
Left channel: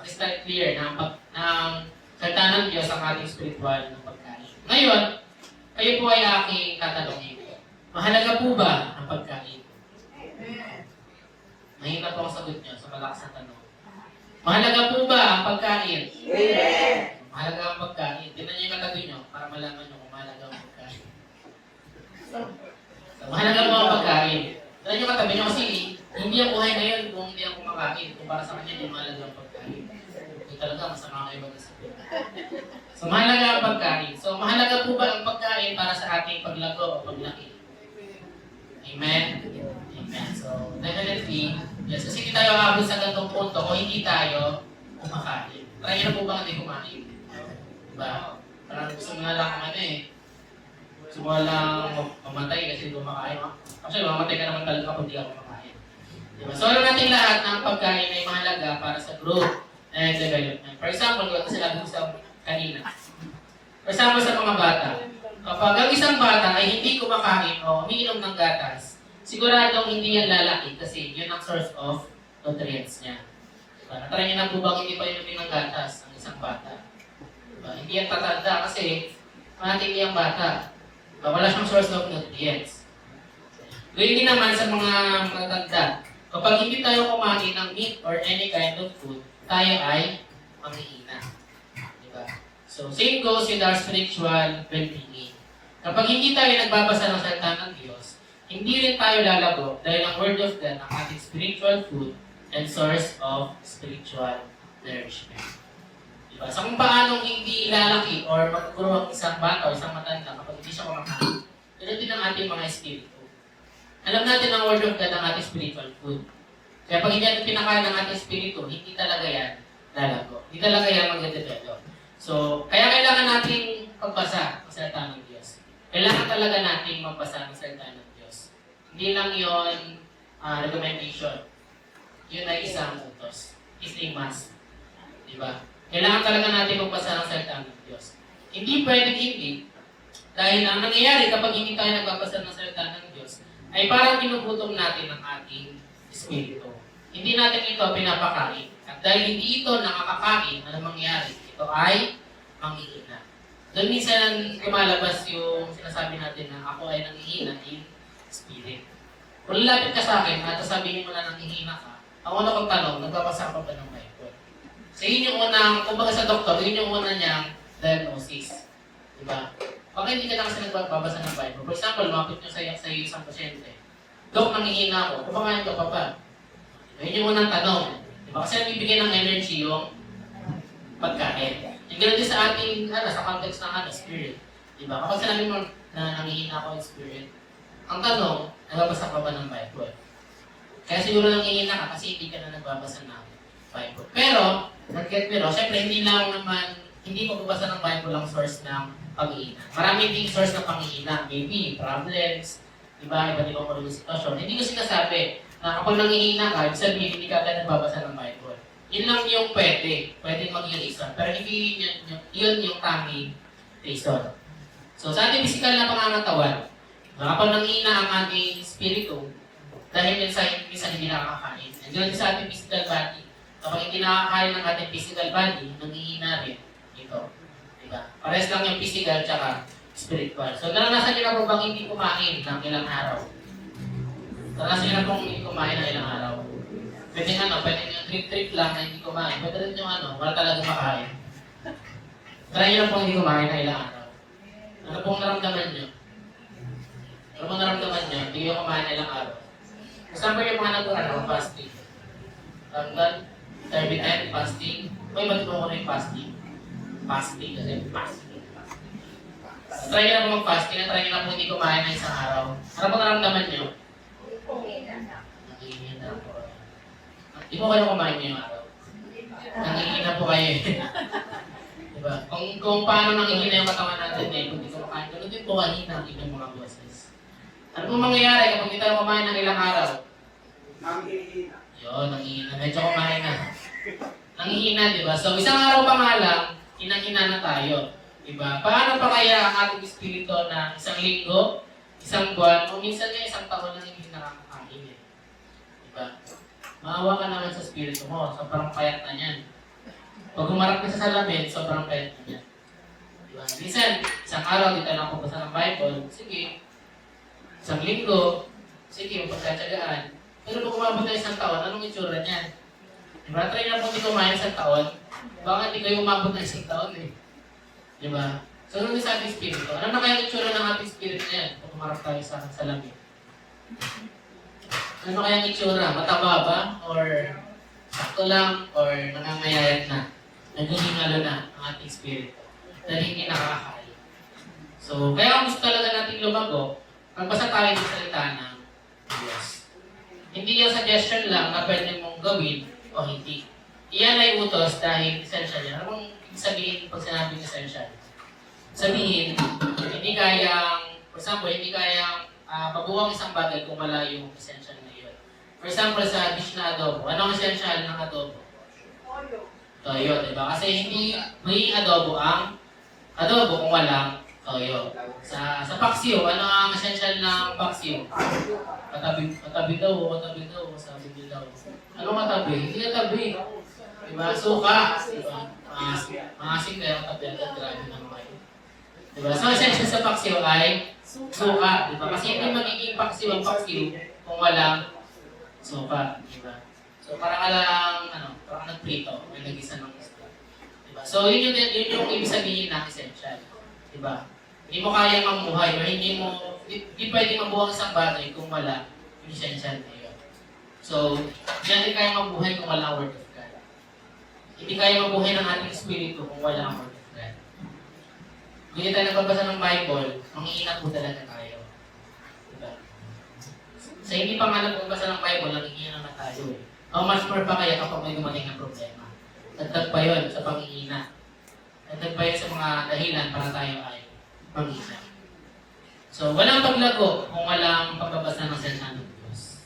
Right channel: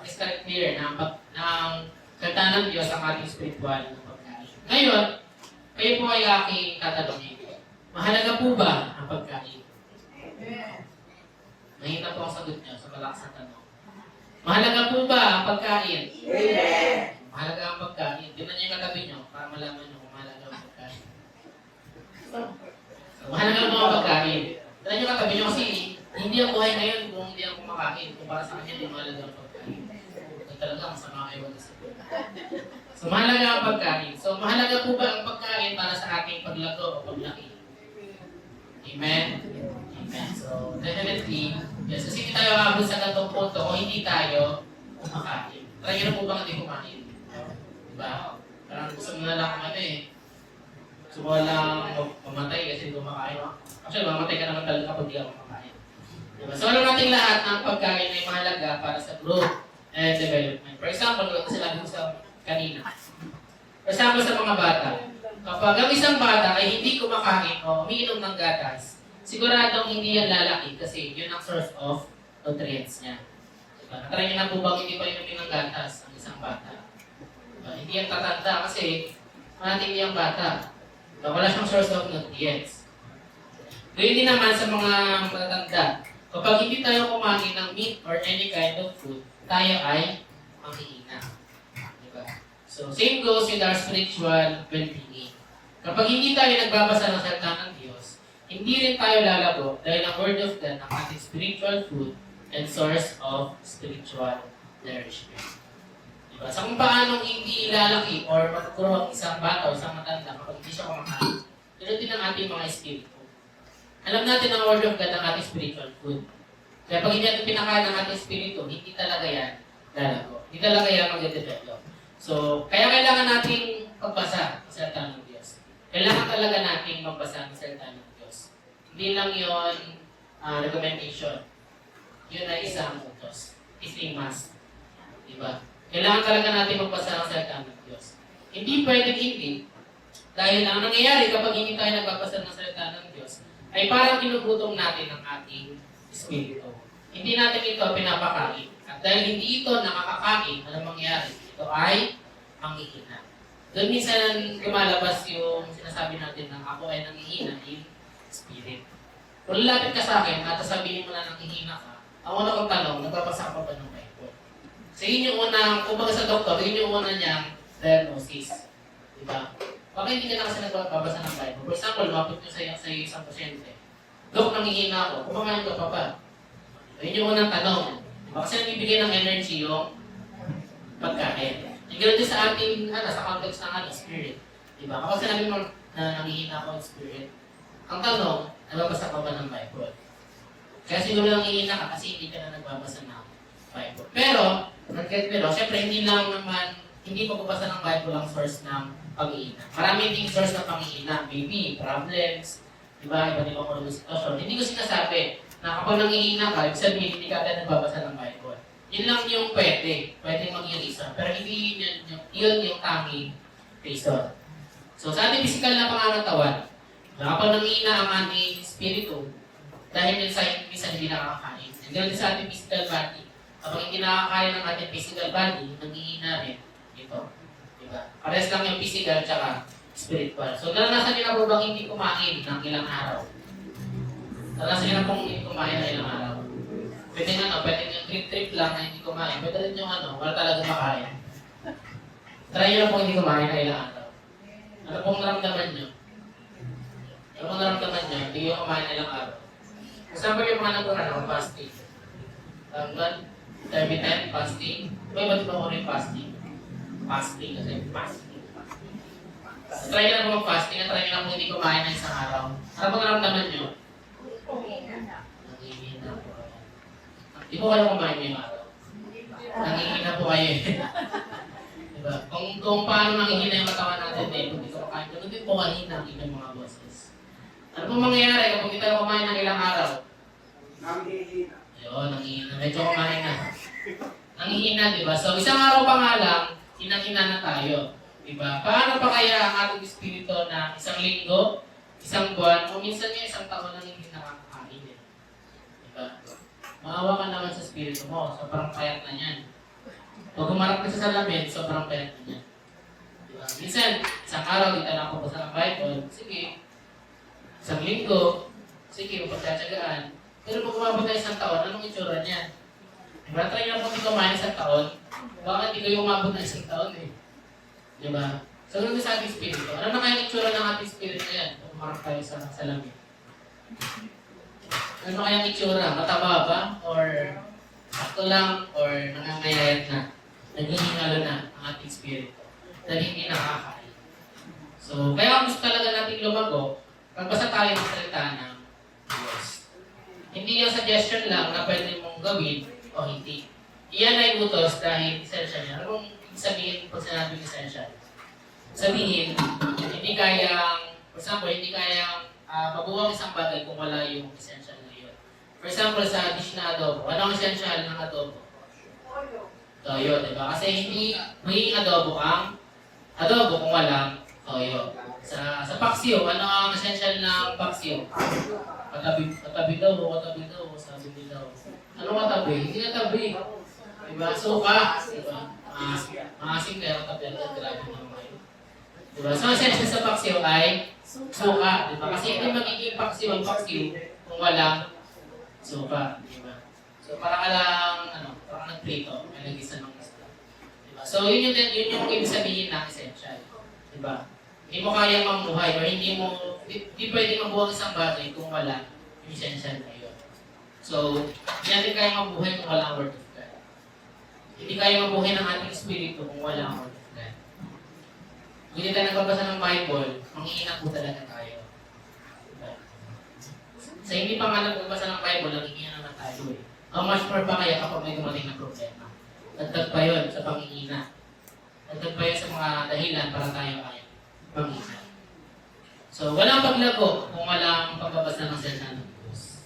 Crystal clear na ang salita ng Diyos ang ating spiritual na pagkain. Ngayon, kayo po ay aking tatanungin. Mahalaga po ba ang pagkain? Mahina po ang sagot niyo sa malakas na tanong. Mahalaga po ba ang pagkain? Mahalaga ang pagkain. Tingnan niyo yung katabi niyo para malaman niyo kung mahalaga ang pagkain. Mahalaga ba ang pagkain? Tingnan niyo yung katabi niyo kasi hindi ang buhay ngayon kung hindi ako kumakain. Kung para sa kanya, hindi mahalaga ang pagkain. Ito talaga, masama kayo mag-isipin. So, mahalaga ang pagkain. So, mahalaga po ba ang pagkain para sa ating paglago o paglaki? Amen? Amen. So, definitely, yes, kasi hindi tayo aabot sa ganitong punto kung hindi tayo kumakain. Try na po ba hindi kumain? Diba? Parang gusto mo na lang gusto mo lang mamatay kasi kumakain. Actually, mamatay ka naman talaga kapag hindi ako kumakain. Diba? So, alam natin lahat ng pagkain ay mahalaga para sa growth and development. For example, kasi sinabi ko sa kanina. For example, sa mga bata. Kapag ang isang bata ay hindi kumakain o umiinom ng gatas, siguradong hindi yan lalaki kasi yun ang source of nutrients niya. Diba? Natry niyo na po bang hindi pa inumin ng gatas ang isang bata? Diba? Hindi yan tatanda kasi mating niyang bata. Diba? Wala siyang source of nutrients. Gayun din naman sa mga matatanda. Kapag hindi tayo kumain ng meat or any kind of food, tayo ay manghihina. Diba? So, same goes with our spiritual well-being. Kapag hindi tayo nagbabasa ng salita ng Diyos, hindi rin tayo lalago dahil ang Word of God ang ating spiritual food and source of spiritual nourishment. Diba? So, kung paanong hindi lalaki or magkuro ang isang bata o isang matanda kapag hindi siya kumakain, ganoon din ang ating mga espiritu. Alam natin ang Word of God ang ating spiritual food. Kaya pag hindi natin pinakain ng ating espiritu, hindi talaga yan lalago. Hindi talaga yan mag-develop. So, kaya kailangan natin pagbasa ng salita ng Diyos. Kailangan talaga natin magbasa ng salita ng Diyos. Hindi lang yon recommendation. Yun ay isang utos. It's a must. Diba? Kailangan talaga natin magbasa ng salita ng Diyos. Hindi pwedeng hindi. Dahil ang nangyayari kapag hindi tayo nagbabasa ng salita ng Diyos, ay parang ginugutom natin ang ating espiritu. Hindi natin ito pinapakain. At dahil hindi ito nakakakain, ano mangyayari? Ito ay manghihina. Doon minsan lumalabas yung sinasabi natin na ako ay nanghihina in spirit. Kung lalapit ka sa akin at sabihin mo na nanghihina ka, ang una kong tanong, nagbabasa ka pa ng Bible? So yun yung unang, kumbaga sa doktor, yun yung una niyang diagnosis. Diba? Bakit hindi ka na kasi nagbabasa ng Bible? For example, lumapit nyo sa isang pasyente. Dok, nanghihina ako. Kumakain ka pa ba? Yun yung unang tanong. Diba? Kasi nagbibigay ng energy yung pagkain. Yung ganoon din sa ating, sa context ng spirit. Diba? Kapag sinabi mo na nanghihina ako ng spirit, ang tanong, nagbabasa ka ba ng Bible? Kaya siguro nangihina ka kasi hindi ka na nagbabasa ng Bible. Pero, nag-get me wrong, syempre hindi pagbabasa ng Bible ang source ng panghihina. Marami ding source ng panghihina. Maybe, problems, diba, iba't ibang mga sitwasyon. Hindi ko sinasabi na kapag nangihina ka, ibig sabihin hindi ka agad nagbabasa ng Bible. Yun lang yung pwedeng maging isa. Pero hindi yun yung taming reason. So, sa ating physical na pangangatawan, kapag nangihina ang ating spirito, dahil yun sa minsan hindi nakakain. And ganun sa ating physical body, kapag hindi nakakain ng ating physical body, nangihina rin ito. Diba? Pares lang yung physical tsaka spiritual. So, naranasan nyo na po bang hindi kumain ng ilang araw? Naranasan nyo na pong hindi kumain ng ilang araw? Pwede pwede yung trip lang na hindi kumain. Pwede rin yung wala talagang makain. Try nyo na pong hindi kumain ng ilang araw. Ano pong naramdaman nyo? Ano pong naramdaman nyo? Hindi kayo kumain ng ilang araw. Example yung mga nagkakaroon, fasting. Tanggal, 30-10, fasting. Ba't ba ko na yung fasting? Fasting kasi fasting. Try nyo na po mag-fasting, try nyo na po hindi kumain ng isang araw. Ano pong naramdaman nyo? Nangihina po. Di po kayo kumain ngayong araw? Nangihina po kayo. Diba? Kung paano nangihina yung katawan natin kung hindi ko kumain, ganun din po kanina ang inyong mga boses. Ano pong mangyayari kapag hindi tayo kumain ng ilang araw? Nangihina. Yun, nangihina. Medyo kumain na. Nangihina, diba? So, isang araw pa nga lang, hinahina na tayo. Diba? Paano pa kaya ang ating espiritu na isang linggo, isang buwan, o minsan na isang taon na hindi nakakakain? Diba? Maawa ka naman sa espiritu mo. Sobrang payat na yan. Pag humarap ka sa salamin, sobrang payat na yan. Diba? Minsan, isang araw, di tayo nakapabasa ng Bible. Sige. Isang linggo, sige, pagtsatsagaan. Pero kung umabot na isang taon, anong itsura niyan? Diba? Try na po hindi kumain isang taon. Baka hindi kayo umabot na isang taon eh. Diba? So, ano sa ating spirito? Ano na kaya itsura ng ating spirito na yan? Kung umarap tayo sa salamin. Ano kaya ang itsura? Mataba ba? Or sakto lang? Or nangangayayan na? Naghihingalo na ang ating spirito. Dahil hindi nakakain. So, kaya kung gusto talaga natin lumago, magbasa tayo ng salita ng Diyos. Hindi yung suggestion lang na pwede mong gawin o hindi. Iyan ay utos dahil essential yan. Anong sabihin pag sinabing essential? Sabihin, hindi kayang, for example, hindi kayang mabuwang isang bagay kung wala yung essential na yun. For example, sa dish na adobo, anong essential ng adobo? Toyo, diba? Kasi hindi may adobo ang adobo kung walang toyo. Sa paksiw, ano ang essential ng paksiw? Katabi daw, sabi daw. Ano katabi? Hindi katabi. Diba? Suka. Diba? Maasim pero katabi at grabe naman. Diba? So, essential sa paksiw ay suka. Diba? Kasi hindi magiging paksiw ang paksiw kung walang suka. Diba? So, parang parang nagprito. May nag-isa ng isla. Diba? So, yun yung ibig sabihin ng essential. Diba? Hindi mo kayang mamuhay o hindi pwede mabuhay isang bagay kung wala yung essential na yun. So, hindi natin kaya mabuhay kung wala ang Word of God. Hindi kaya mabuhay ng ating spirito kung wala ang Word of God. Kung hindi tayo nagbabasa ng Bible, manghihina po talaga tayo. Diba? Sa hindi pa nga nagbabasa ng Bible, nanghihina na tayo eh. How much more pa kaya kapag may dumating na problema? Dagdag pa yun sa panghihina. Dagdag pa yun sa mga dahilan para tayo ay pamilya. So, walang paglago kung walang pagbabasa ng salita ng Diyos.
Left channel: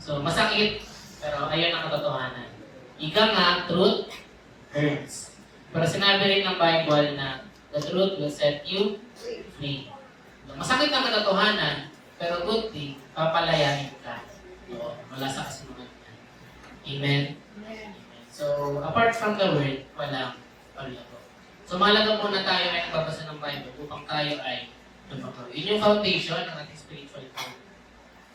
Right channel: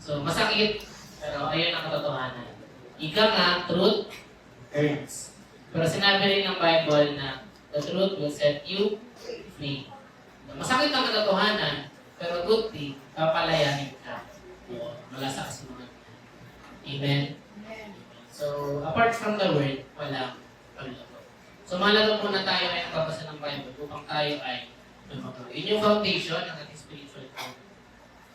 So, masakit, pero ayun ang katotohanan. Ika nga, truth hurts. Pero sinabi rin ng Bible na the truth will set you free. Masakit ang katotohanan, pero truthfully, papalayanin ka. Wala sa kasunod. Amen? So, apart from the word, walang paglago. So, mahalaga po na tayo ay nagbabasa ng Bible upang tayo ay lumago. Yun yung foundation ng ating spiritual life.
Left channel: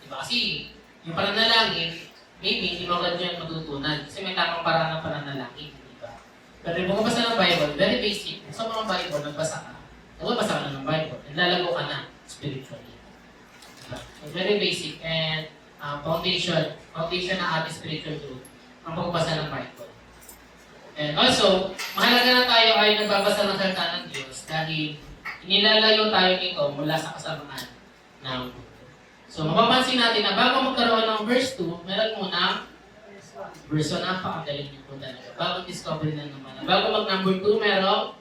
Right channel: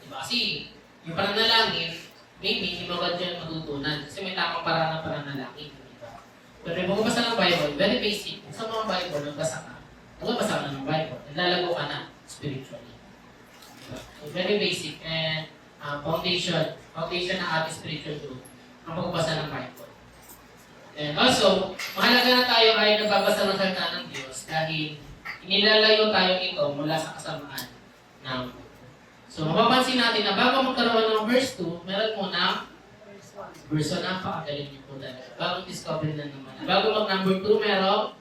Diba? Kasi, yung pananalangin, maybe hindi mo agad yan matutunan. Kasi may tamang paraan ng pananalangin. Diba? Pero yung magbabasa ng Bible, very basic. Sa mga Bible, nagbasa ka ng Bible. Naglalago ka na spiritually. Diba? So, very basic and foundation ng ating spiritual growth ang pagbabasa ng Bible. And also, mahalaga na tayo ay nagbabasa ng salita ng Diyos dahil inilalayo tayo nito mula sa kasamaan ng mundo. So, mapapansin natin na bago magkaroon ng verse 2, meron muna verse 1. Napakagaling niyo po talaga. Bagong discovery na naman. Bago mag number 2, meron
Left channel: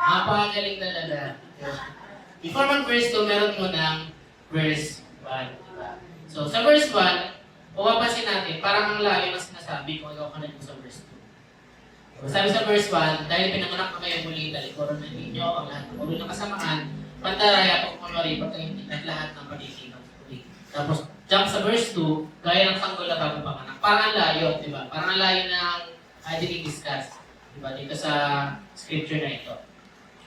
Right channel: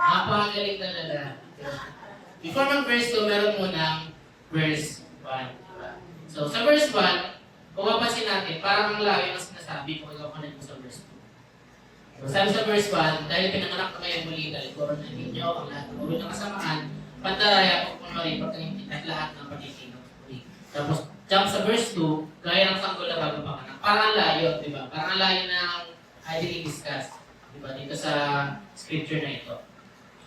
napakagaling talaga. Before mag verse 2, meron muna verse 1. Diba? So, sa verse 1, kung mapapansin natin, parang ang layo na sinasabi kung ikaw connect mo sa verse 2. So, sabi sa verse 1, dahil pinanganak na kayo muli, talikuran na ninyo, ang lahat ng ulo ng kasamaan, pandaraya kung kunwari, pagkaintindihan lahat ng pagkikinig. Tapos, jump sa verse 2, gaya ng sanggol na bago panganak. Parang ang layo, di ba? Parang ang layo ng discuss, di ba? Dito sa scripture na ito.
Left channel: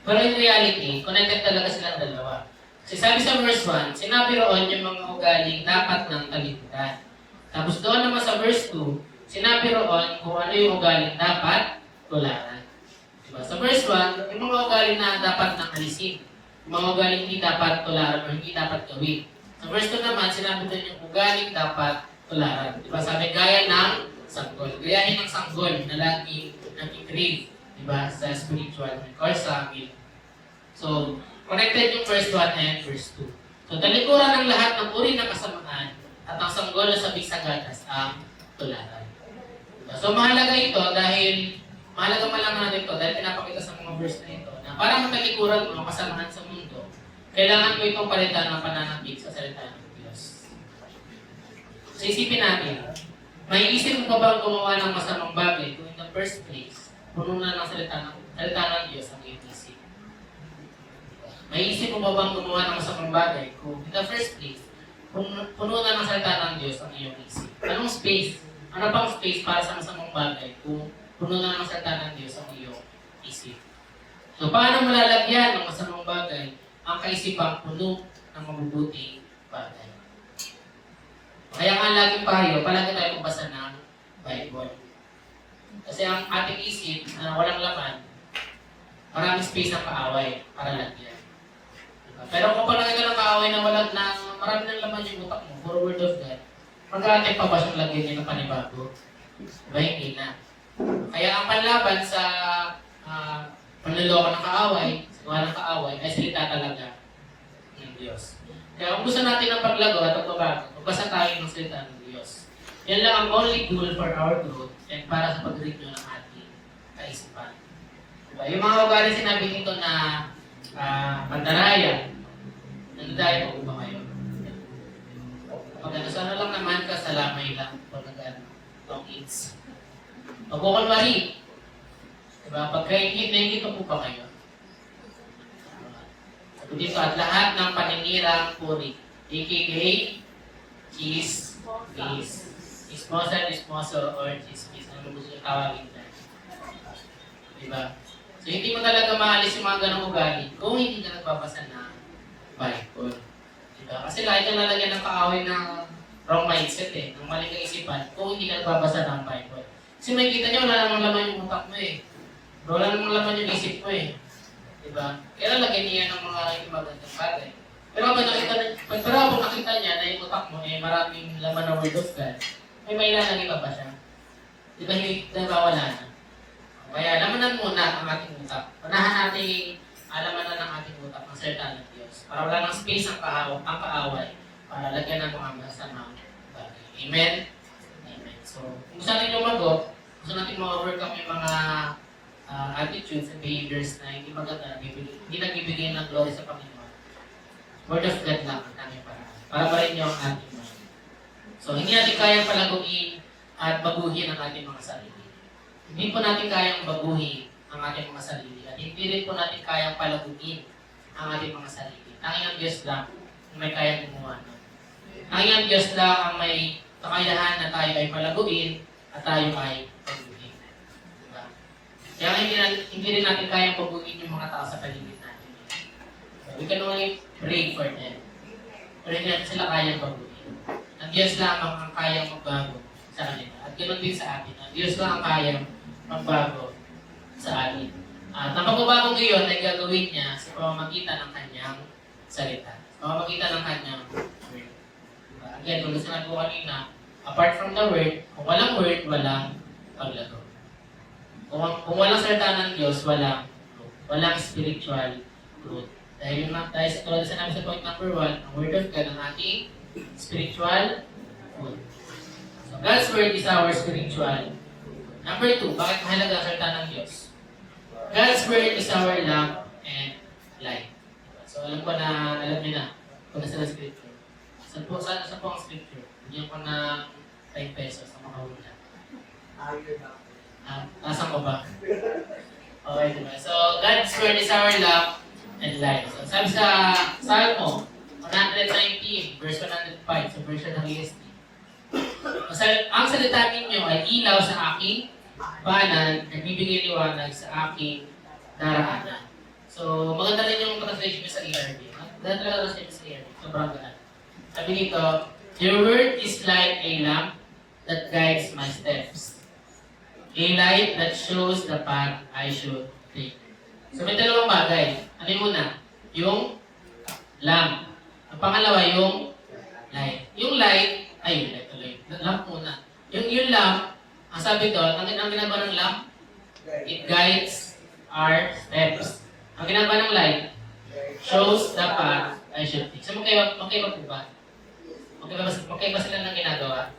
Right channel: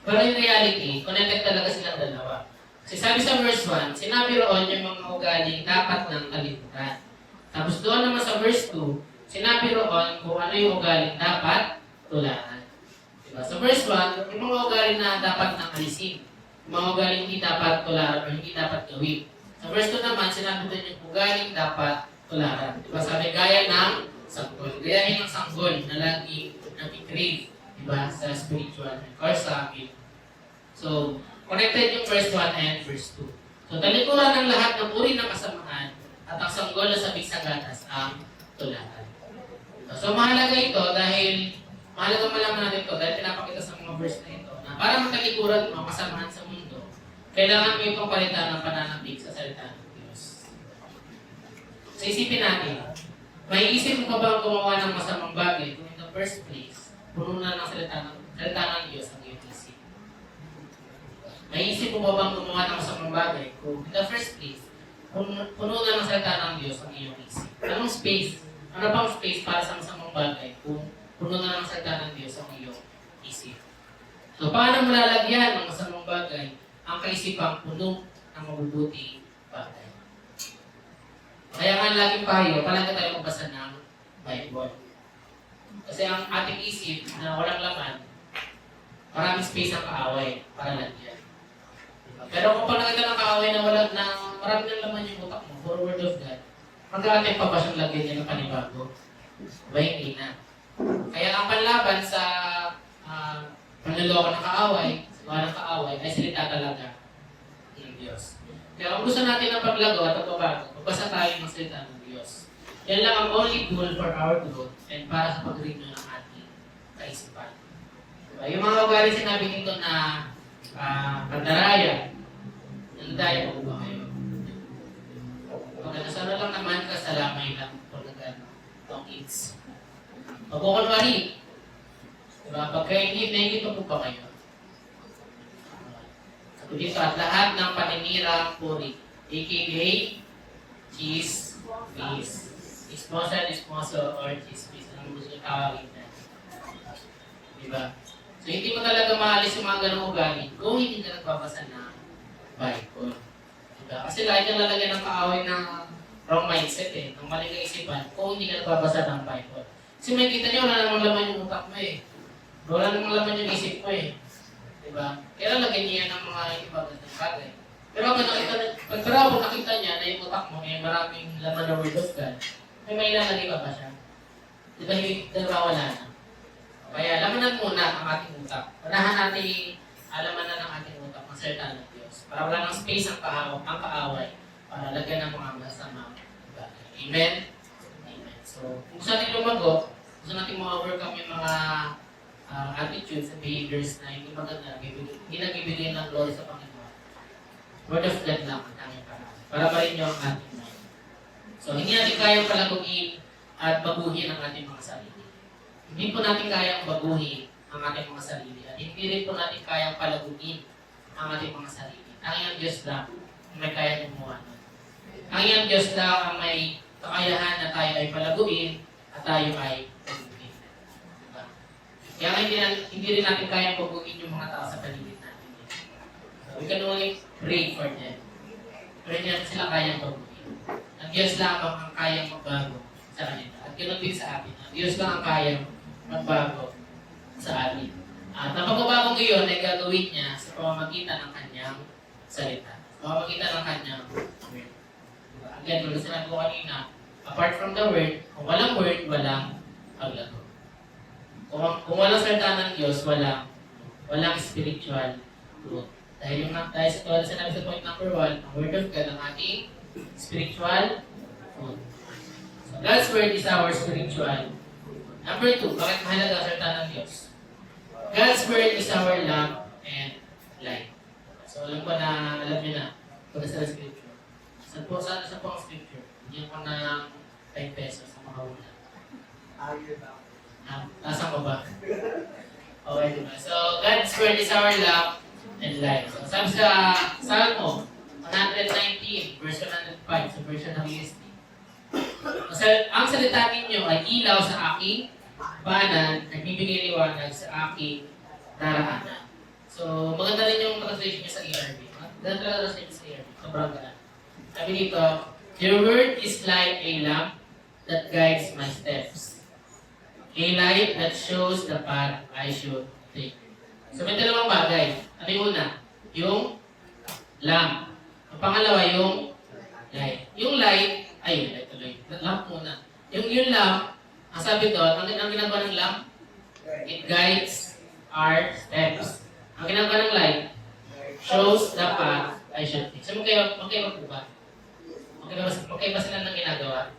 Pero in reality, connected talaga silang dalawa. Kasi sabi sa verse 1, sinabi roon yung mga ugaling dapat ng kalimutan. Tapos doon naman sa verse 2, sinabi roon kung ano yung ugaling dapat tularan. Diba? Sa verse 1, yung mga ugaling na dapat nang alisin. Yung mga ugaling hindi dapat tularan o hindi dapat gawin. Sa verse 2 naman, sinabi doon yung ugaling dapat tularan. Diba? Sabi gaya ng sanggol. Gayahin ng sanggol na laging nag-crave. Diba? Sa spiritual or sa amin. So, connected yung verse 1 and verse 2. So, talikuran ng lahat ng uri ng kasamaan at ang sanggol na sabing sa gatas ang tularan. Diba? So, mahalaga ito dahil mahalaga malang natin ito dahil pinapakita sa mga verse na ito na para matalikuran mo kasamaan sa mundo, kailangan mo itong palitan ng pananabik sa salita ng Diyos. So, isipin natin, may isip mo pa bang gumawa ng masamang bagay kung in the first place, puno na ng salita ng Diyos ang iyong isip? May isip mo pa bang gumawa ng masamang bagay kung in the first place, puno na ng salita ng Diyos ang iyong isip? Anong space? Ano pang space para sa masamang bagay kung puno na ng salita ng Diyos ang iyong isip? So, paano malalagyan ng masamang bagay ang kaisipang puno ng mabubuting bagay? Kaya nga laging payo, palagi tayo magbasa ng Bible. Kasi ang ating isip na walang laman, maraming space ang kaaway para lagyan. Diba? Pero kung palagi ka ng kaaway na wala na marami ng laman yung utak mo, for word of God, magkakatay pa ba siyang lagyan niya ng panibago? Diba? Hindi na. Kaya ang panlaban sa panluloko ng kaaway, sa gawa ng kaaway, ay salita talaga ng Diyos. Kaya kung gusto natin ng paglago at pagbabago, magbasa tayo ng salita ng Diyos. Yan lang ang only goal for our growth and para sa pag-renew ng ating kaisipan. Diba? Yung mga ugali sinabi dito na pandaraya, nandaya po ba kayo? Okay, so ano lang naman kasalamay lang pag itong eats. Pag-ukunwari, diba? Pagka-hingit, nahingit po ba kayo? Sabi dito, at lahat ng paninirang puri, aka cheese, esposo, or chismis. Ano gusto yung tawagin na? Diba? So, hindi mo talaga maalis yung mga ganong ugali kung hindi ka nagbabasa ng Bible. Diba? Kasi lahat yung lalagyan ng kaaway ng wrong mindset ng maling kaisipan kung hindi ka nagbabasa ng Bible. Kasi makikita nyo, wala namang laman yung utak mo wala namang laman yung isip mo Diba? Kaya lagyan niya ng mga ibang bagay. Pero pag nakita niya na yung utak mo maraming laman ng Word of God, may ilalagay pa ba siya? Diba wala na? Kaya lamanan muna ang ating utak. Unahan natin alamanan ng ating utak ang salita ng Diyos. Para wala ng space ang kaaway para lagyan ng mga masamang bagay. Amen? Amen. So, kung gusto natin lumago, gusto natin ma-overcome yung mga attitudes and behaviors na hindi maganda, hindi nagbibigay ng glory sa Panginoon. Word of God lang ang kanyang paraan. Para pa rin niyo ang ating mind. So, hindi natin kayang palaguin at baguhin ang ating mga sarili. Hindi po natin kayang baguhin ang ating mga sarili. At hindi rin po natin kayang palaguin ang ating mga sarili. Tanging ang Diyos lang ang may kayang gumawa nun. Tanging ang Diyos lang ang may kakayahan na tayo ay palaguin at tayo ay baguhin. Kaya hindi rin natin kayang baguhin yung mga tao sa paligid natin. So, we can only pray for them. Pero hindi natin sila kayang baguhin. Ang Diyos lang ang kayang magbago sa kanila. At ganoon din sa atin. Ang Diyos lang ang kayang magbago sa atin. At ang pagbabagong iyon ay gagawin niya sa pamamagitan ng kanyang salita. Sa pamamagitan ng kanyang word. Diba? Again, kung sinabi ko kanina, apart from the word, kung walang word, walang paglago. Kung walang salita ng Diyos, walang spiritual growth. Dahil sa tulad sinabi sa point number 1, ang Word of God ang ating spiritual food. So God's Word is our spiritual. Number 2, bakit mahalaga ang salita ng Diyos? God's Word is our lamp and light. So alam ko na, alam niyo na, kung nasa scripture. Saan po ang scripture? Yung ko na 10 pesos ang makahula. Nasaan ko ba? Okay, diba? So, God's Word is our lamp and light. So, sabi sa Salmo 119, verse 105, sa version ng ESV. Ang salita ninyo ay ilaw sa aking banan, nagbibigay liwanag sa aking daraanan. So, maganda rin yung translation sa ERV. Maganda talaga translation sa ERV. Sobrang ganda. Sabi dito, your word is like a lamp that guides my steps. A light that shows the path I should take. So may dalawang bagay. Ano yung una? Yung lamp. Ang pangalawa yung light. Yung light, light tuloy. Lamp muna. Yung lamp, ang sabi doon, ang ginagawa ng lamp, it guides our steps. Ang ginagawa ng light, shows the path I should take. So magkaiba po ba? Magkaiba sila ng ginagawa?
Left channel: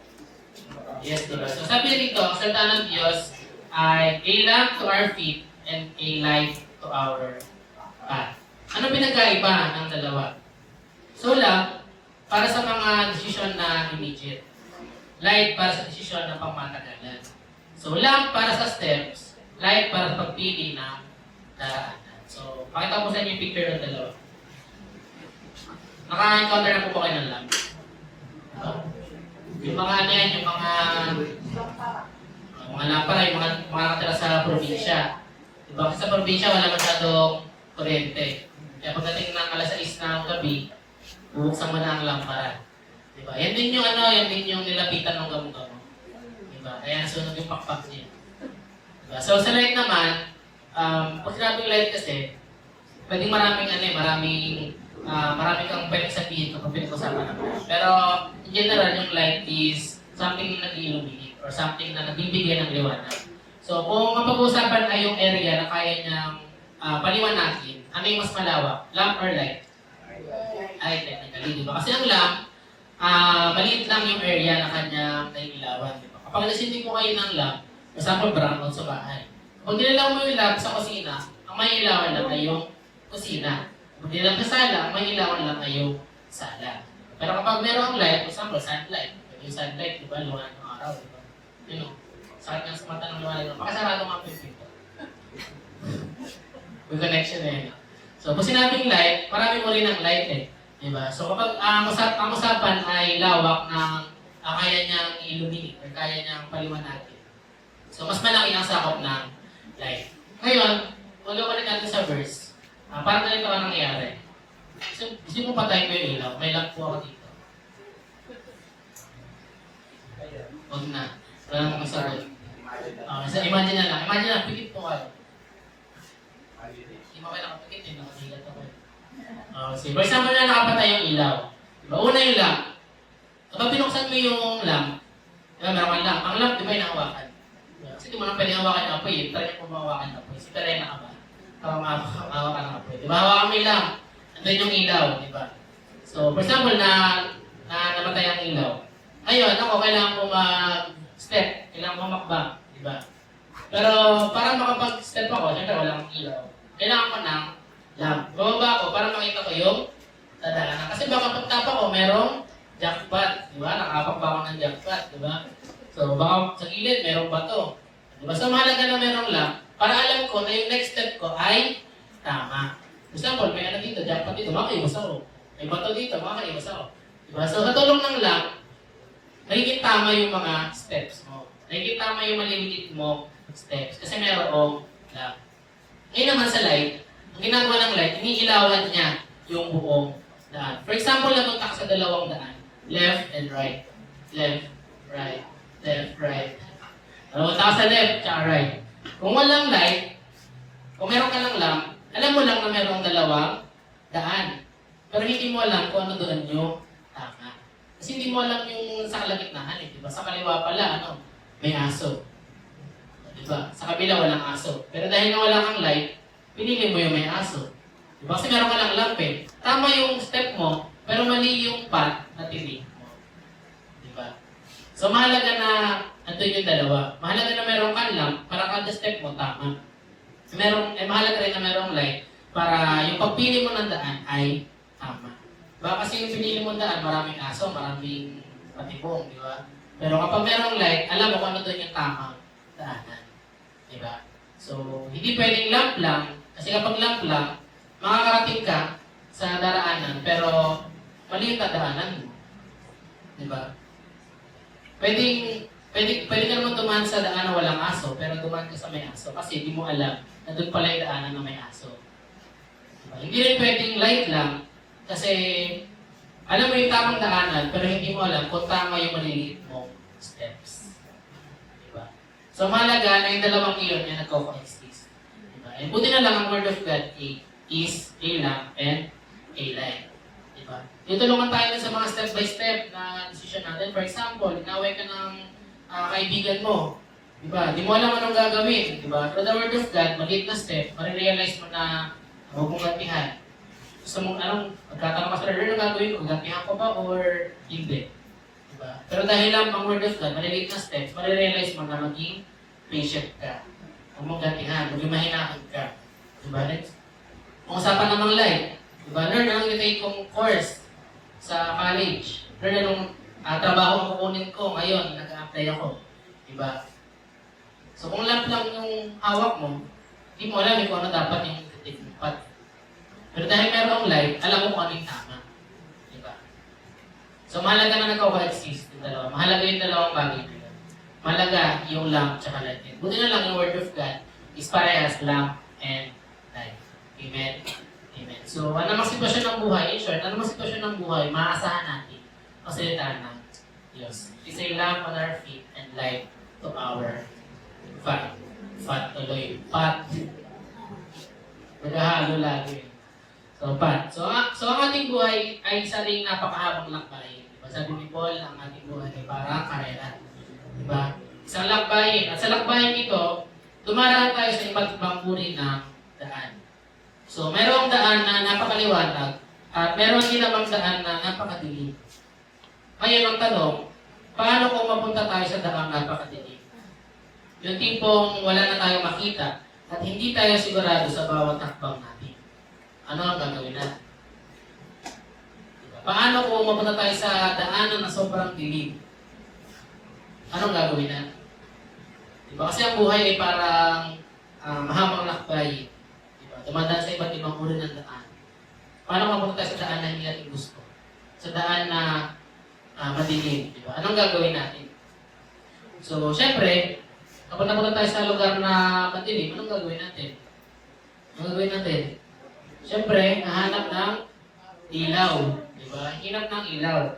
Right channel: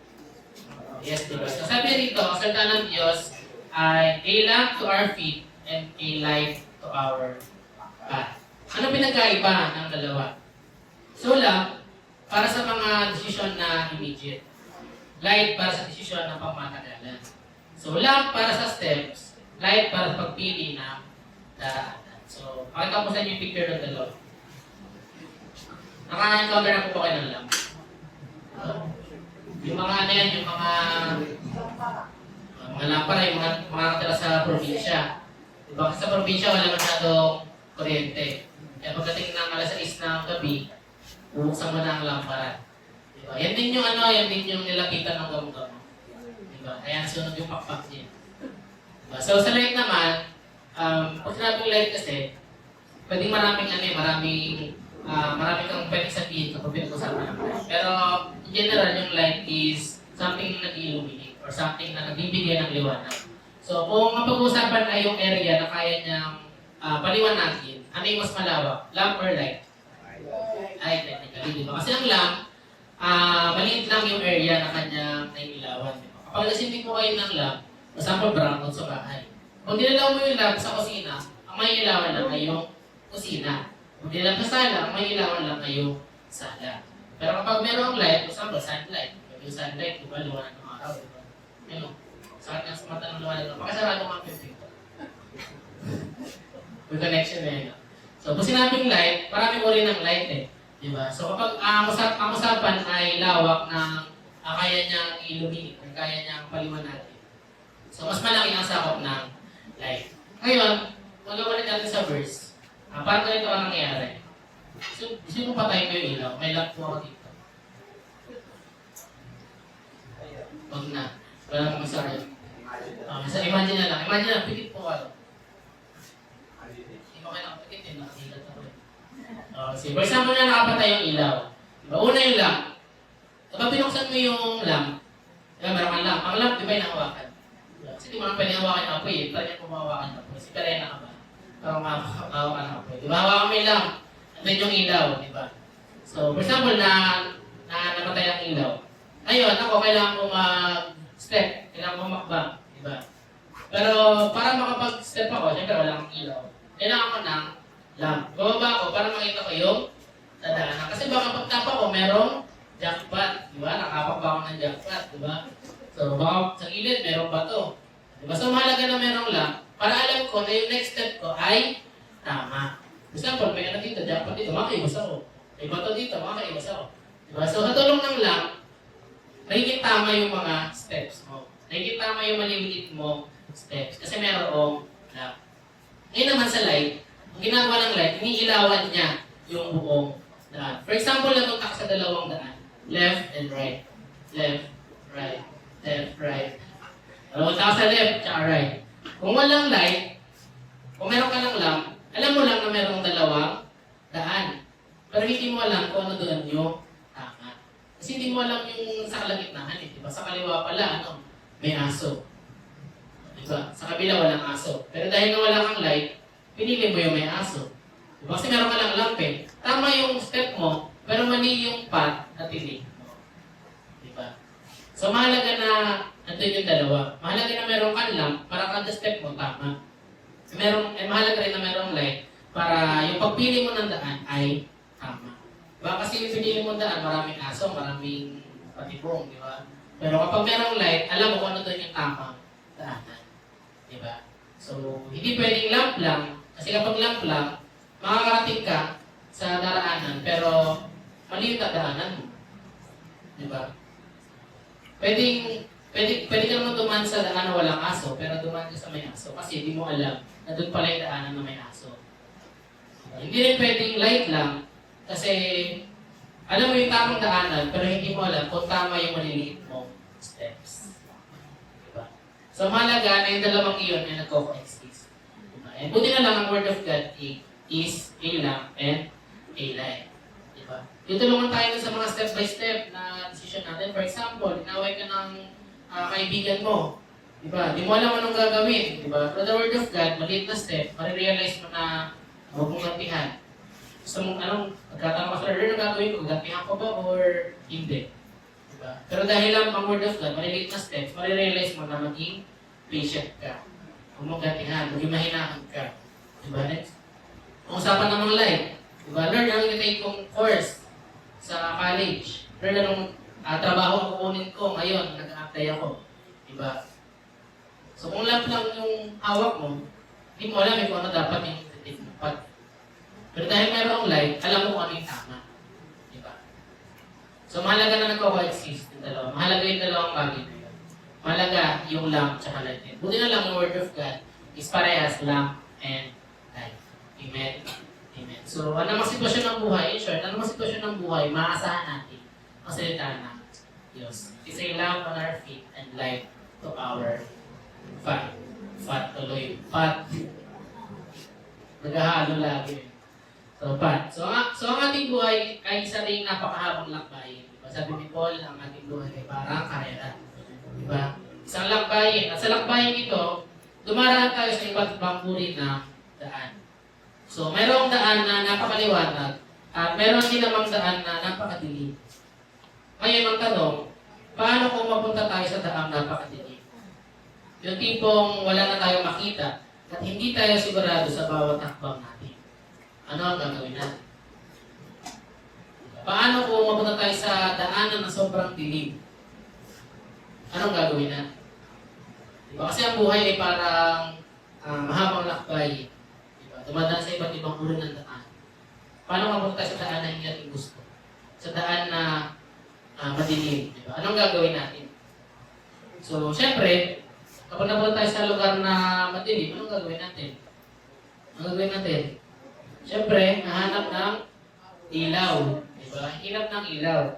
Yes, diba? So sabi niya dito, ang salita ng Diyos ay a lamp to our feet and a light to our path. Ano pinagkaiba ng dalawa? So lamp, para sa mga desisyon na immediate. Light para sa desisyon na pangmatagalan. So lamp para sa steps, light para sa pagpili ng daraanan. So, pakita ko sa inyo yung picture ng dalawa. Naka-encounter na po ba kayo ng lamp? Yung mga ano yan, yung mga lampara, yung mga nakatira sa probinsya. Diba? Kasi sa probinsya, wala masyadong kuryente. Kaya pagdating ng alas 6 ng gabi, bubuksan mo na ang lampara. Diba? Yan din yung nilapitan ng gamo-gamo. Diba? Kaya nasunod yung pakpak niya. Diba? So sa light naman, pag sinabing light kasi, pwedeng maraming kang pwedeng sabihin kung pinag-usapan naman. Pero in general, yung light is something na nag-illuminate or something na nagbibigay ng liwanag. So kung mapag-uusapan ay yung area na kaya niyang paliwanagin, ano yung mas malawak? Lamp or light? Ay, technically, di ba? Kasi ang lamp, maliit lang yung area na kanyang nailawan. Di ba? Kapag nasinding mo kayo ng lamp, for example, brownout sa bahay. Kung nilaw mo yung lamp sa kusina, ang may ilawan lang ay yung kusina. Kung nilaw sa sala, ang may ilawan lang ay yung sala. Pero kapag merong light, for example, sunlight. Yung sunlight, di ba, liwanag ng araw, di ba? Yun, sakit nga sa mata ng liwanag. Pakasarado nga ang pinto. Yung connection na yun. So, kung sinabing light, marami mo rin ng light eh. Di ba? So, kapag ang usapan ay lawak ng kaya niyang illuminate, or kaya niyang paliwanagin. So, mas malaki ang sakop ng light. Ngayon, magawa natin sa verse. Parang ganito ang nangyayari. So, gusto mo patayin ko yung ilaw. May lamp po ako dito. Huwag na. Wala nang masagot. Imagine na lang. Imagine na, pikit po ka. Hindi mo kayo nakapikit eh. Nakahilat ako eh. Sige, for example na nakapatay yung ilaw. Diba? Una yung lamp. Kapag binuksan mo yung lamp, diba meron kang lamp. Ang lamp, di ba yung nakawakan? Kasi di mo lang pwede hawakan ng apoy. Try niya kung mahawakan ng apoy. Si Karena ka ba? Parang mahawakan ng apoy. Diba? Hawakan mo yung lamp. Andun yung ilaw. Diba? So, for example, na namatay ang ilaw. Ngayon, ako, kailangan ko mag-step. Kailangan ko makbang. Diba? Pero, para makapag-step ako, syempre wala akong ilaw. Kailangan ko ng lamp. Bababa ako para makita ko yung dadaanan. Kasi baka pagtapa ko, merong jackpot. Diba? Nakapak ba ako ng jackpot? Diba? So, baka sa gilid, merong bato. Diba? So, mahalaga na merong lamp para alam ko na yung next step ko ay tama. For example, may ano dito, jackpot dito, makaiwas ako. May bato dito, makaiwas ako. Diba? So, sa tulong ng lamp, nagiging tama yung mga steps mo. Nagiging tama yung maliliit mo steps. Kasi merong lamp. Ngayon naman sa light, ang ginagawa ng light, iniilawan niya yung buong daan. For example, natuntak sa dalawang daan. Left and right. Left, right. Left, right. Natuntak sa left, tsaka right. Kung walang light, kung meron ka ng lamp, alam mo lang na merong dalawang daan. Pero hindi mo alam kung ano doon yung tama. Kasi hindi mo alam yung sa kalagitnaan eh. Diba? Sa kaliwa pala, may aso. Diba? Sa kabila walang aso. Pero dahil nga wala kang light, pinili mo yung may aso. Diba? Kasi meron ka lang lamp eh. Tama yung step mo, Pero mali yung path na tinake mo. Di ba? So mahalaga na nandun yung dalawa. Mahalaga na merong kanlang para kada step mo tama. Mahalaga rin na merong light para yung pagpili mo ng daan ay tama. Diba? Kasi yung pinili mo daan, maraming aso, maraming patibong, di ba? Pero kapag merong light, alam mo kung ano doon yung tamang daanan. Di ba? So, hindi pwedeng lamp lang, kasi kapag lamp lang, makakarating ka sa daraanan, pero mali yung daraanan mo. Di ba? Pwede ka naman dumaan sa daan na walang aso, pero dumaan ka sa may aso kasi hindi mo alam na doon pala yung daanan na may aso. Diba? Hindi rin pwedeng light lang kasi alam mo yung tamang daanan, pero hindi mo alam kung tama yung maliliit mong steps. Diba? So mahalaga na yung dalawang iyon ay nagko-coexist. Diba? And buti na lang ang Word of God is a lamp and a light. Diba? Tutulungan tayo sa mga step by step na decision natin. For example, inaway ka ng kaibigan mo. Diba? Di mo alam anong gagawin. Diba? Through the Word of God, maliit na step, marirealize mo na huwag mong gantihan. Gusto mong magkatanong ka sa Lord, anong gagawin ko? Gantihan ko ba or hindi? Diba? Pero dahil lang ang Word of God, maliliit na steps, marirealize mo na maging patient ka. Huwag mong gantihan, maging mahinahan ka. Diba? Kung usapan namang life, diba? Lord, anong nitake kong course sa college? Lord, anong trabaho ang kukunin ko ngayon? Nag-a-apply ako. Diba? So kung lamp lang yung hawak mo, hindi mo alam kung ano dapat yung titipat. Pero dahil mayroong light, alam mo kung ano yung tama. Diba? So mahalaga na nagka-coexist yung dalawa. Mahalaga yung dalawang bagay. Mahalaga yung lamp at light. Buti na lang yung Word of God is parehas lamp and light. Amen? Amen. So ano mang sitwasyon ng buhay, in short, ano mang sitwasyon ng buhay, maasahan natin ang salita ng Diyos. It's a lamp on our feet and light to our Pat. Naghahalo lagi. So, Pat. So, ang ating buhay ay isa ring napakahabang lakbayin. Diba? Sabi ni Paul, ang ating buhay ay parang karera. Diba? Isang lakbayin. At sa lakbayin ito, dumaraan tayo sa iba't ibang uri ng daan. So, mayroong daan na napakaliwanag at mayroong din namang daan na napakadilim. Ngayon ang tanong, paano kung mapunta tayo sa daang napakadilim? Yung tipong wala na tayong makita at hindi tayo sigurado sa bawat takbang natin. Ano ang gagawin natin? Paano kung mapunta tayo sa daanan na sobrang dilim? Anong gagawin natin? Diba? Kasi ang buhay ay parang mahabang lakbay. Diba? Dumadaan sa iba't ibang uri ng daan. Paano mapunta tayo sa daan na hindi natin gusto? Sa daan na madilim. Diba? Anong gagawin natin? So, syempre, kapag napunta tayo sa lugar na madilim, anong gagawin natin? Anong gagawin natin? Siyempre, nahanap ng ilaw. Diba? Hinap ng ilaw.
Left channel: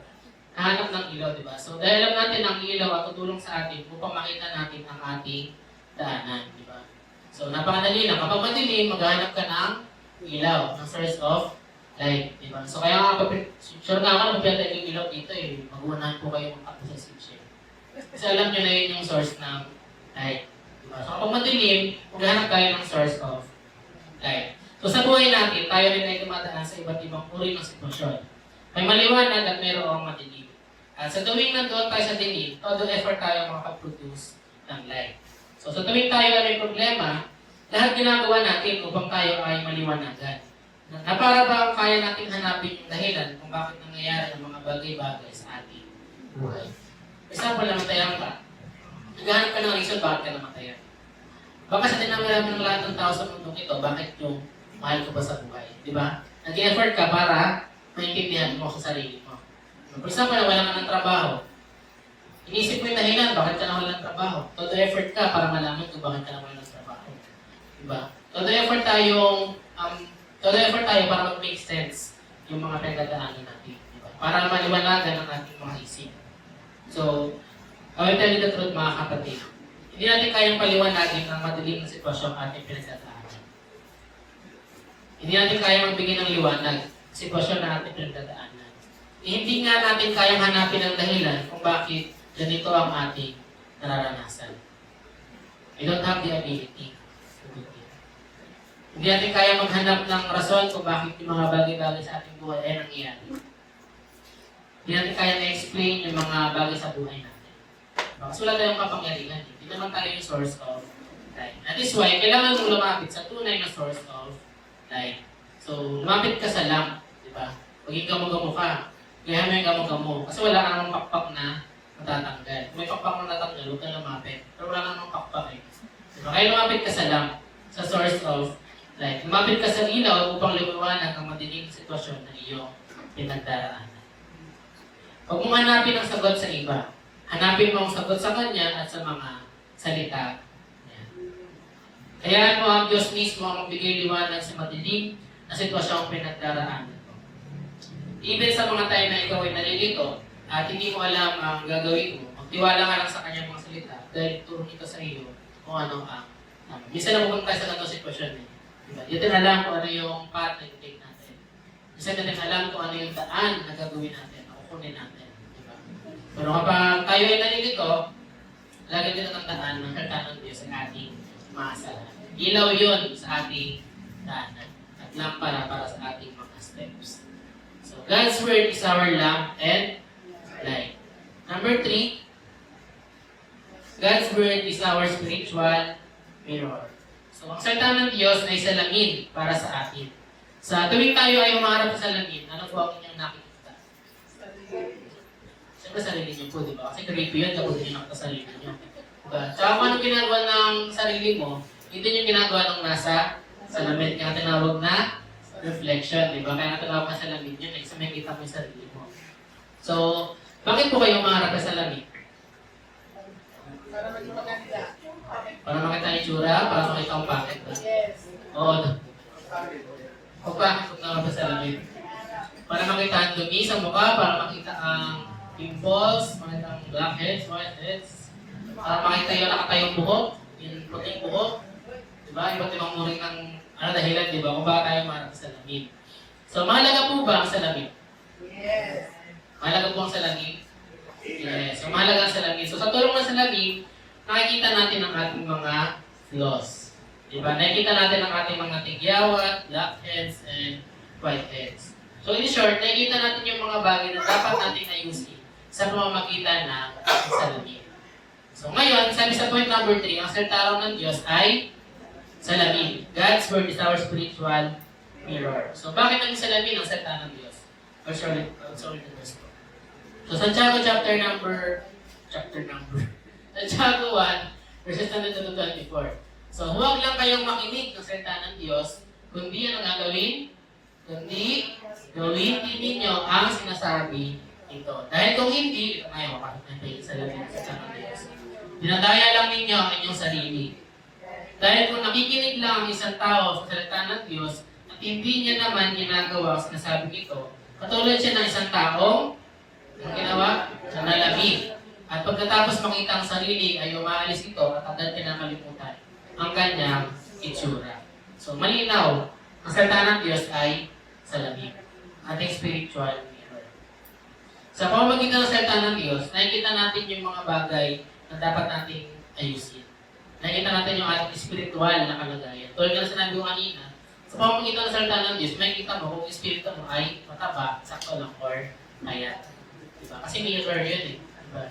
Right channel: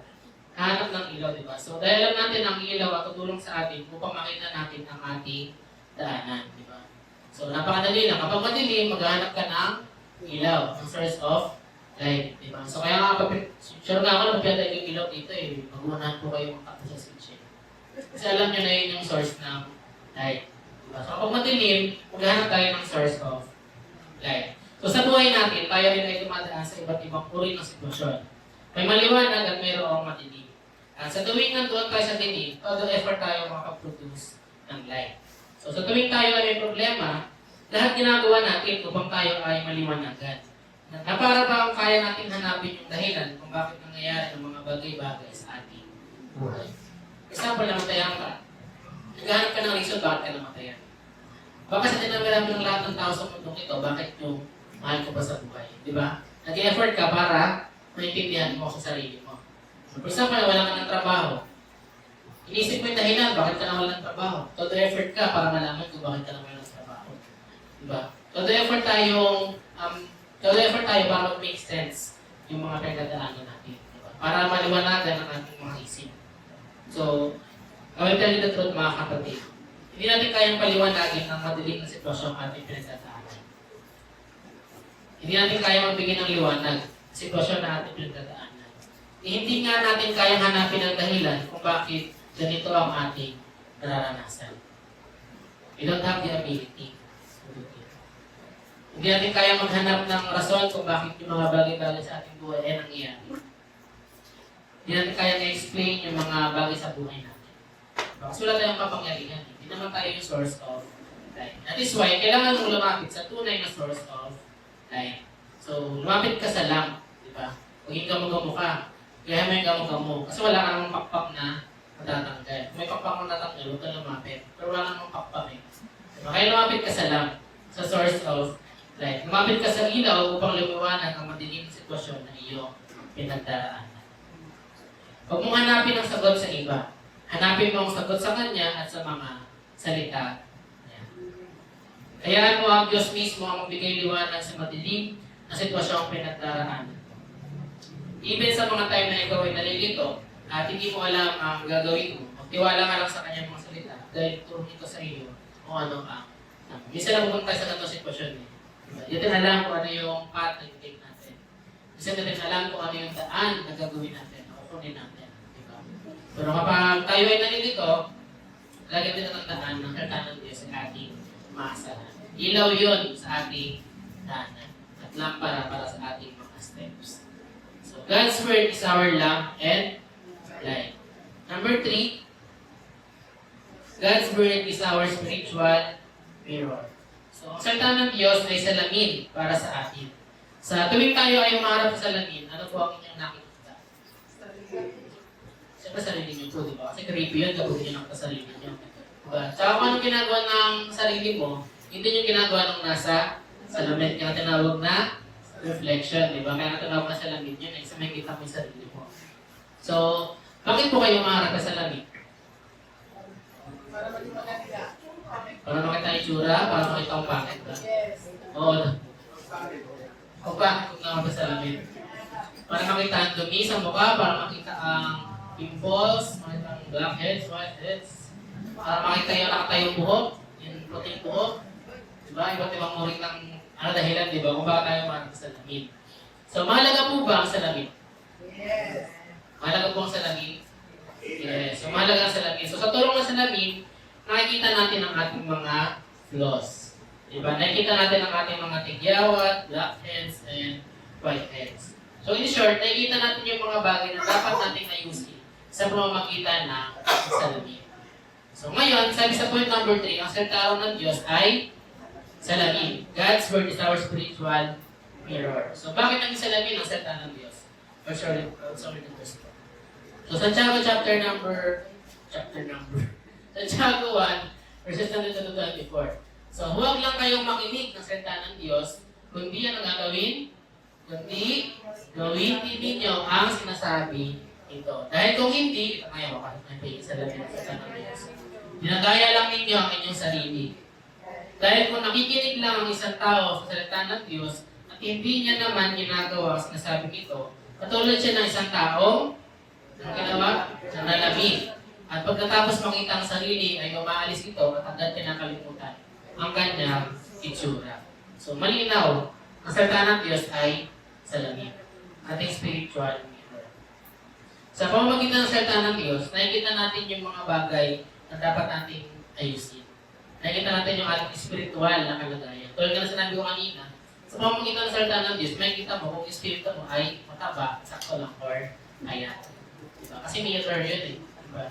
Nahanap ng ilaw, diba? So, dahil alam natin ang ilaw at tutulong sa atin upang makita natin ang ating daanan. Diba? So, napakadali lang. Kapag madilim, maghahanap ka ng ilaw, ng source of light. Diba? So, kaya nga, sure nga ako, magpiyatay yung ilaw dito eh. Mag-unahan po kayo makakita sa switch. Kasi alam nyo na yun yung source ng light. Diba? So kapag madilim, maghahanap tayo ng source of light. So sa buhay natin, tayo rin ay dumadaan sa iba't ibang uri ng sitwasyon. May maliwanag at mayroong madilim. At sa tuwing nandoon tayo sa dilim, todo effort tayo makapag-produce ng light. So sa tuwing tayo ay may problema, lahat ginagawa natin upang tayo ay maliwanagan. Na para ba kaya natin hanapin yung dahilan kung bakit nangyayari ang mga bagay-bagay sa ating buhay. Example lang, tayang ka. Naghanap ka ng reason bakit ka namatayan. Baka sa dinami ng lahat ng tao sa mundong ito, bakit yung mahal ko ba sa buhay? Diba? Nag-effort ka para maintindihan mo sa sarili mo. For example, wala ka ng trabaho. Inisip mo yung dahilan, bakit ka naman ng trabaho? Todo effort ka para malaman kung bakit ka naman ng trabaho. Diba? Todo effort tayo para mag-make sense yung mga pinagdadaanan natin. Diba? Para maliwanagan ang ating mga isip. So, I will tell you the truth mga kapatid. Hindi natin kayang paliwanagin ang madilim na sitwasyon ang ating pinagdadaanan. Hindi natin kayang magbigay ng liwanag sa sitwasyon na ating pinagdadaanan. Hindi nga natin kayang hanapin ang dahilan kung bakit ganito ang ating nararanasan. We don't have the ability to do it. Hindi natin kaya maghanap ng rason kung bakit yung mga bagay-bagay sa ating buhay ay nangyayari. Hindi natin kaya na-explain yung mga bagay sa buhay natin. Kasi wala tayong kapangyarihan. Hindi naman tayo yung source of life. That is why, kailangan mong lumapit sa tunay na source of life. So, lumapit ka sa lamp, di ba? Maging gamo-gamo ka. Kaya mo yung gamo-gamo. Kasi wala kang pakpak na matatanggal. Kung may pakpak na natatanggal, huwag ka lumapit. Pero wala namang pakpak eh. Diba? Kaya lumapit ka sa lamp, sa source of life. Lumapit ka sa ilaw upang liwanag ang madilim sitwasyon na iyong pinagdaraanan. Huwag mong hanapin ang sagot sa iba. Hanapin mo ang sagot sa Kanya at sa mga salita niya. Kaya mo ang Diyos mismo ang magbigay liwanag sa madilim na sitwasyong pinagdaraanan. Even sa mga time na ikaw ay nalilito at hindi mo alam ang gagawin mo, magtiwala ka lang sa Kanyang mga salita dahil turo nito sa iyo kung ano ang minsan na pupunta tayo sa ganitong sitwasyon eh. Diba? Hindi natin alam kung ano yung path na i-take natin. Minsan natin alam kung ano yung daan na gagawin natin o kunin natin. Diba? Pero kapag tayo ay nalilito, lagi din ang daan ng karta ng Diyos sa ating maasahan. Ilaw yun sa ating daanan at lampara para sa ating mga steps. So, God's Word is our lamp and light. Number 3, God's Word is our spiritual mirror. So, ang salita ng Diyos ay salamin para sa atin. Sa tuwing tayo ay umarap sa salamin, ano po ang inyong nakikita? Siyempre sarili niyo po, di ba? Kasi creepy yun kapag hindi nakita sarili niyo. Diba? Tsaka kung anong ginagawa ng sarili mo, hindi yung ginagawa ng nasa salamin. Kaya tinawag na reflection, di ba? Kaya tinawag na salamin yun, kasi may kita mo yung sarili mo. So, bakit po kayo umarap sa salamin? Para makita ang itsura, para makita ang bakit ba? Oo. O bakit kung nga sa salamin? Para makita ang dumi sa mukha, para makita ang pimples, makita ang blackheads, whiteheads, para makita yung nakatayong buhok, yung puting buhok. Diba? Iba't ibang muring ng dahilan, diba? Kung bakit tayo umarap sa salamin. So, mahalaga po ba ang salamin? Yes. Mahalaga po ang salamin? Yes. So, mahalaga ang salamin. So, sa tulong ng salamin, nakikita natin ang ating mga flaws. Diba? Nakikita natin ang ating mga tigyawat, blackheads, and whiteheads. So in short, nakikita natin yung mga bagay na dapat natin ayusin sa pamamagitan ng salamin. So ngayon, sabi sa point number 3, ang salita ng Diyos ay salamin. God's Word is our spiritual mirror. So bakit naging salamin ang salita ng Diyos? Sorry, the verse ko. So Santiago Santiago 1, verses 20 to 24. So, huwag lang kayong makinig ng salita ng Diyos, kundi ang gagawin, kundi gawin din ninyo ang sinasabi ito. Dahil kung hindi, ito ngayon, bakit may salamin ng salita ng Diyos. Dinadaya lang ninyo ang inyong sarili. Dahil kung nakikinig lang ang isang tao sa salita ng Diyos, at hindi niya naman ginagawa ang sinasabi ito, katulad siya ng isang taong ang ginawa, na nalamig. At pagkatapos makita ang sarili ay umaalis ito at agad kinakalimutan ang kanyang itsura. So malinaw, ang salita ng Diyos ay salamin. Ating spiritual mirror. Sa pamamagitan ng salita ng Diyos, nakikita natin yung mga bagay na dapat natin ayusin. Nakikita natin yung ating spiritual na kalagayan. Tulad na sinabi ko kanina, sa pamamagitan ng salita ng Diyos, makikita mo kung espiritu mo ay mataba, sakto lang, or ayan. Diba? Kasi mirror yun eh. Diba?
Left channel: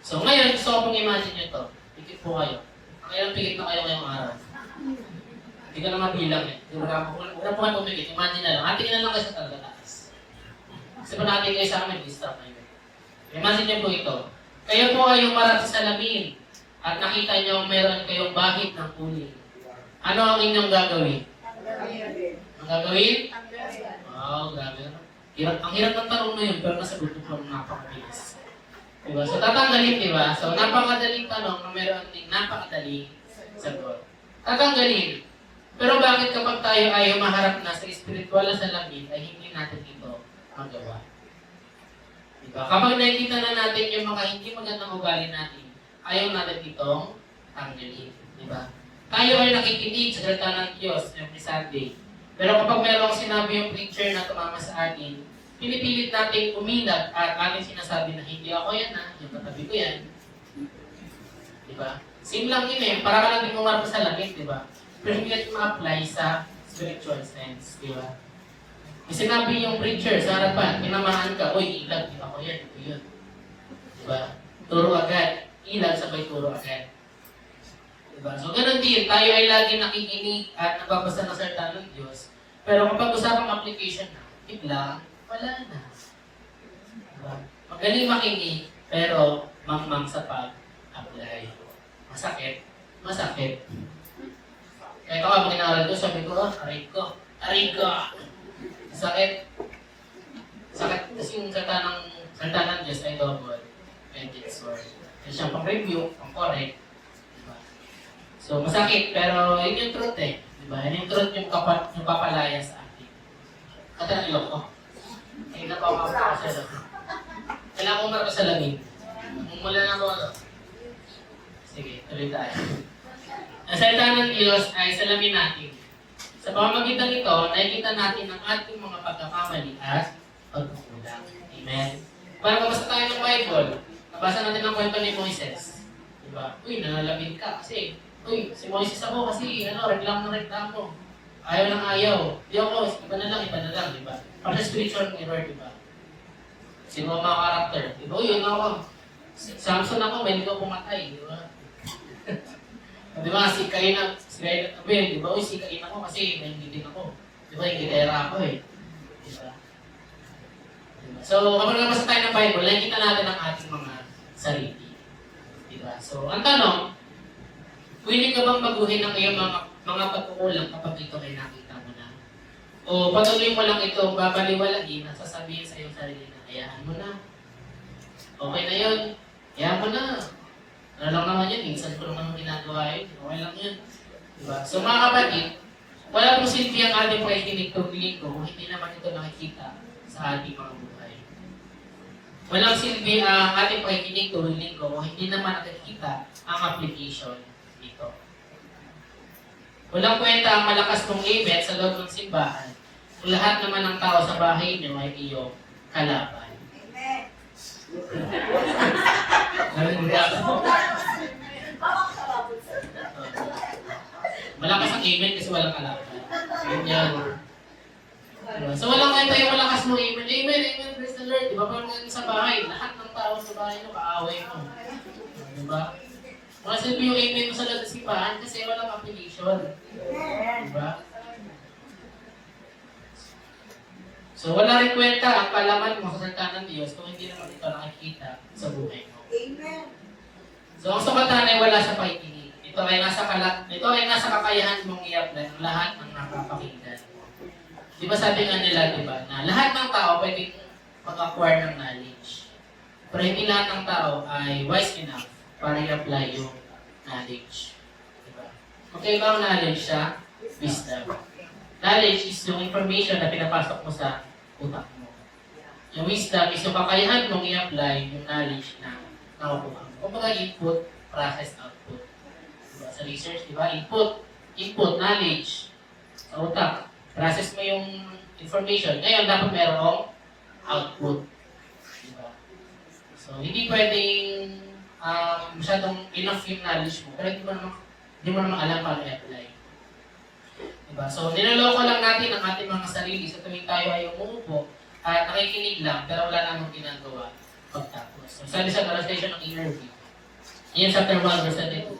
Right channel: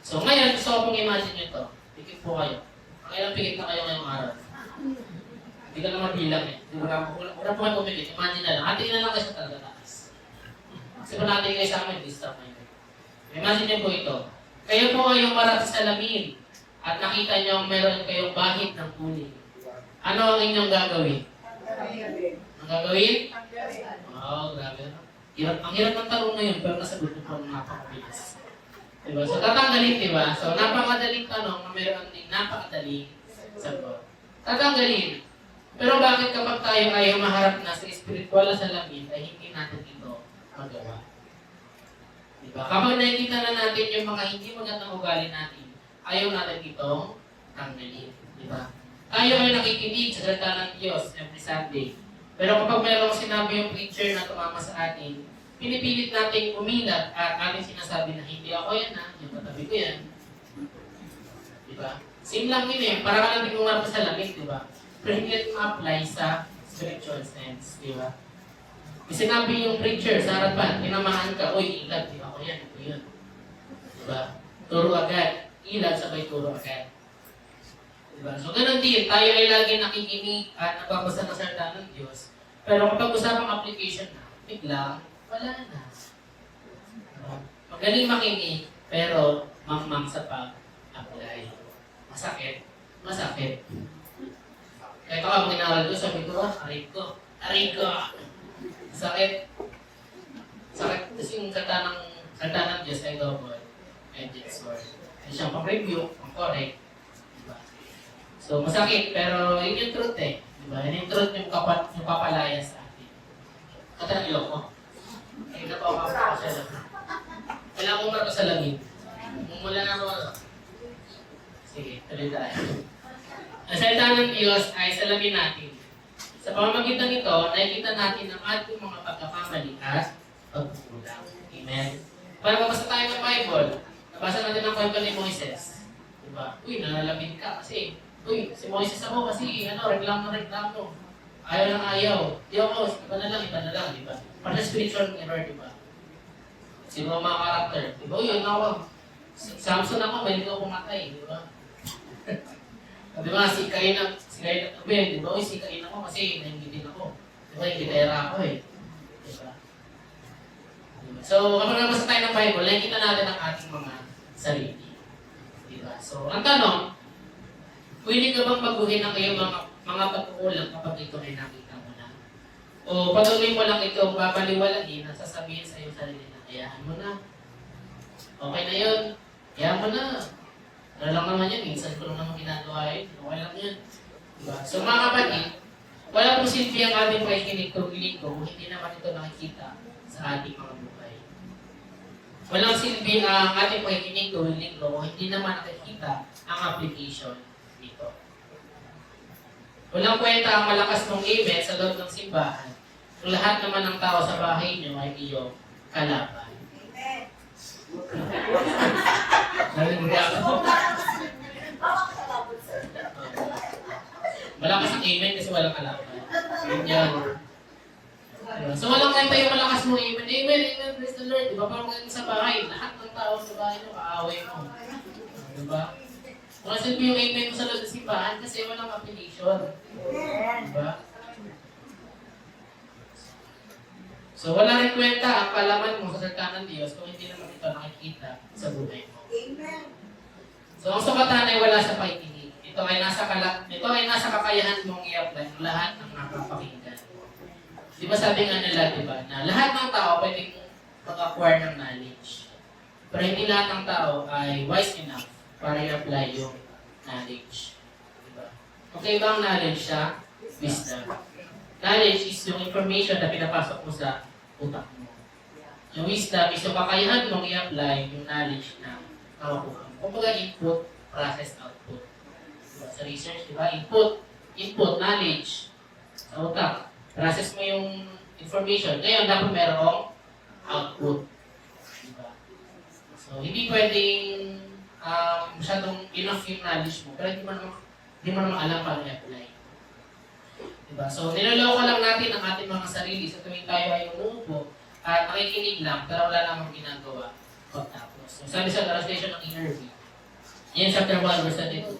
So ngayon, gusto ko pong imagine nyo to. Pikit po kayo. Ngayon, pikit na kayo ngayong araw. Hindi ka naman bilang eh. Wala po kayo pumikit. Imagine na lang. Hatiin na lang kayo sa talaga taas. Kasi po natin kayo sa amin, disturb na yun. Imagine nyo po ito. Kayo po ay umarap sa salamin at nakita nyo mayroon kayong bahid ng kuling. Ano ang inyong gagawin? Ang gagawin? Wow, grabe. Ang hirap ng tanong na yun, pero nasagot ko pang napakabilis. Diba? So tatanggalin, diba? So napakadaling tanong na mayroon ding napakadaling sagot. Tatanggalin. Pero bakit kapag tayo ay humaharap na sa spiritual na salamin ay hindi natin ito magawa? Diba? Kapag nakikita na natin yung mga hindi magandang ugali natin, ayaw natin itong tanggalin. Diba? Tayo ay nakikinig sa salita ng Diyos every Sunday. Pero kapag mayroong sinabi yung preacher na tumama sa atin, pinipilit natin umilat at ating sinasabi na hindi ako yan ha, yung katabi ko yan. Diba? Same lang yun eh, para ka lang din umarap sa lamig, diba? Pero hindi natin ma-apply sa spiritual sense, diba? May sinabi yung preacher sa harapan, tinamaan ka, uy, ilag, di ako yan, ito yun. Diba? Turo agad. Ilag, sabay turo agad. Diba? So, ganun din. Tayo ay lagi nakikinig at nababasa ng salita ng Diyos. Pero kapag usapang application na, biglang, wala na. Diba? Magaling makinig, pero mangmang sa pag-apply. Masakit. Masakit. Kaya kapag ginaral ko, sabi ko, aray ko. Sakit. Sakit. Kasi yung salita ng Diyos ay double-edged sword. Kasi siyang pang-review, pang-correct. Diba? So, masakit, pero yun yung truth eh. Diba? Yun yung truth yung papalaya sa atin. Kata ng ilok ko. Ay, napapapapa ko sa lamin. Kailangan ko marap sa lamin. Mula na ako. Sige, tuloy tayo. Ang salita ng Diyos ay salamin natin. Sa pamamagitan nito, nakikita natin ang ating mga pagkakamali at pagkukulang. Amen? Para mabasa tayo ng Bible, nabasa natin ang kwento ni Moises. Diba? Uy, nalalabit ka kasi, uy, si Moises ako kasi, reklamo. Ayaw lang ayaw. Di ako, iba na lang, diba? Para sa spiritual error, diba? Siguro mga karakter. Diba? Uy, yun ako. Samson ako, may ligaw pumatay, diba? Diba, si Abel, diba? Uy, si Cain ako kasi nahinggigin ako. Diba, hingitera ako eh. Diba? So, kapag nabasa tayo ng Bible, nakikita natin ang ating mga sarili. Diba? So, ang tanong, willing ka bang baguhin ang iyong mga pagkukulang kapag ito ay nakita mo na? O patuloy mo lang ito babaliwalain at sasabihin sa iyong sarili na, hayaan mo na. Okay na yun. Hayaan mo na. Ano lang naman yan, minsan ko naman ginagawa yun. Okay lang yun. Diba? So mga kapatid, wala pong silbi ang ating pakikinig tuwing ko kung hindi naman ito nakikita sa ating mga buhay. Walang silbi ang ating pakikinig tuwing ko kung hindi naman nakikita ang application dito. Walang kwenta ang malakas mong amen sa loob ng simbahan kung lahat naman ng tao sa bahay niyo ay iyong kalaban. Malakas ang amen kasi walang kalaban. Ganyan. Diba? So walang kwenta yung malakas mo amen. Amen, praise the Lord. Diba? Parang sa bahay, lahat ng tao sa bahay mo, kaaway mo. Diba? Wala silbi yung amen mo sa loob ng simbahan kasi walang application. Diba? So wala rin kwenta ang kalaman mo sa salita ng Diyos kung hindi naman ito nakikita sa buhay mo. Amen. So ang sukatan ay wala sa pakikinig. Ito ay nasa kakayahan mong i-apply ang lahat ng napapakinggan. Di ba sabi nga nila, di ba, na lahat ng tao pwede mag-acquire ng knowledge. Pero hindi lahat ng tao ay wise enough para i-apply yung knowledge. Di ba? Okay ba ang knowledge siya? Wisdom. Knowledge is yung information na pinapasok mo sa utak mo. Yung wisdom is yung kakayahan mong i-apply yung knowledge na nakukuha mo. Kung baga input, process, output. Diba? Sa research, di ba? Input, knowledge sa utak. Process mo yung information. Ngayon, dapat merong output. Diba? So, hindi pwedeng masyadong enough yung knowledge mo, pero hindi mo naman alam paano i-apply. Diba? So, niloloko lang natin ang ating mga sarili sa tuwing tayo ay umuupo at nakikinig lang, pero wala namang ginagawa pagtapos. So, sabi sa translation ng ERV, yan chapter 1, verse 22,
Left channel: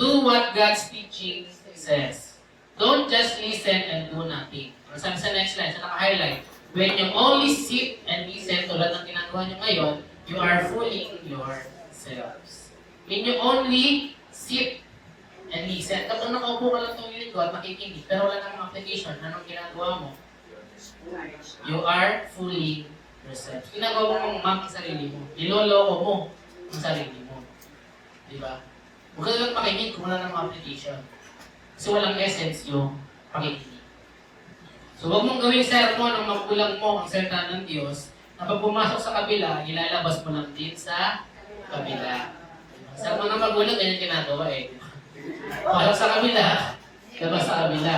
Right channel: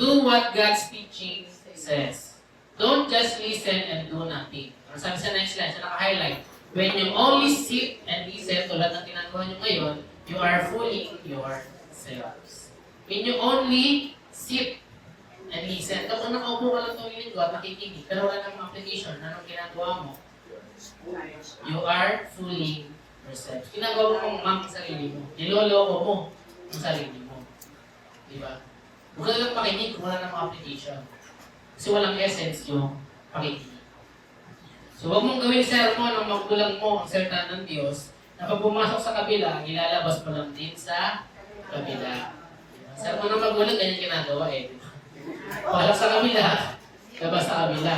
do what God's teaching says. Don't just listen and do nothing. Or sabi sa next line, sa naka-highlight, when you only sit and listen, tulad ng ginagawa nyo ngayon, you are fooling yourselves. When you only sit and listen, kapag nakaupo ka lang itong linggo at makikinig, pero wala namang application, anong ginagawa mo? You are fooling yourselves. Ginagawa mo mong ang sarili mo. Niloloko mo ang sarili mo. Diba? Huwag ka lang makinig kung wala namang application. Kasi walang essence yung pakikinig. So huwag mong gawin sermon ang magulang mo ang salita ng Diyos na pag pumasok sa kabila, ilalabas mo lang din sa kabila. Sermon ng magulang, ganyan ginagawa eh. Para sa kabila, labas sa kabila.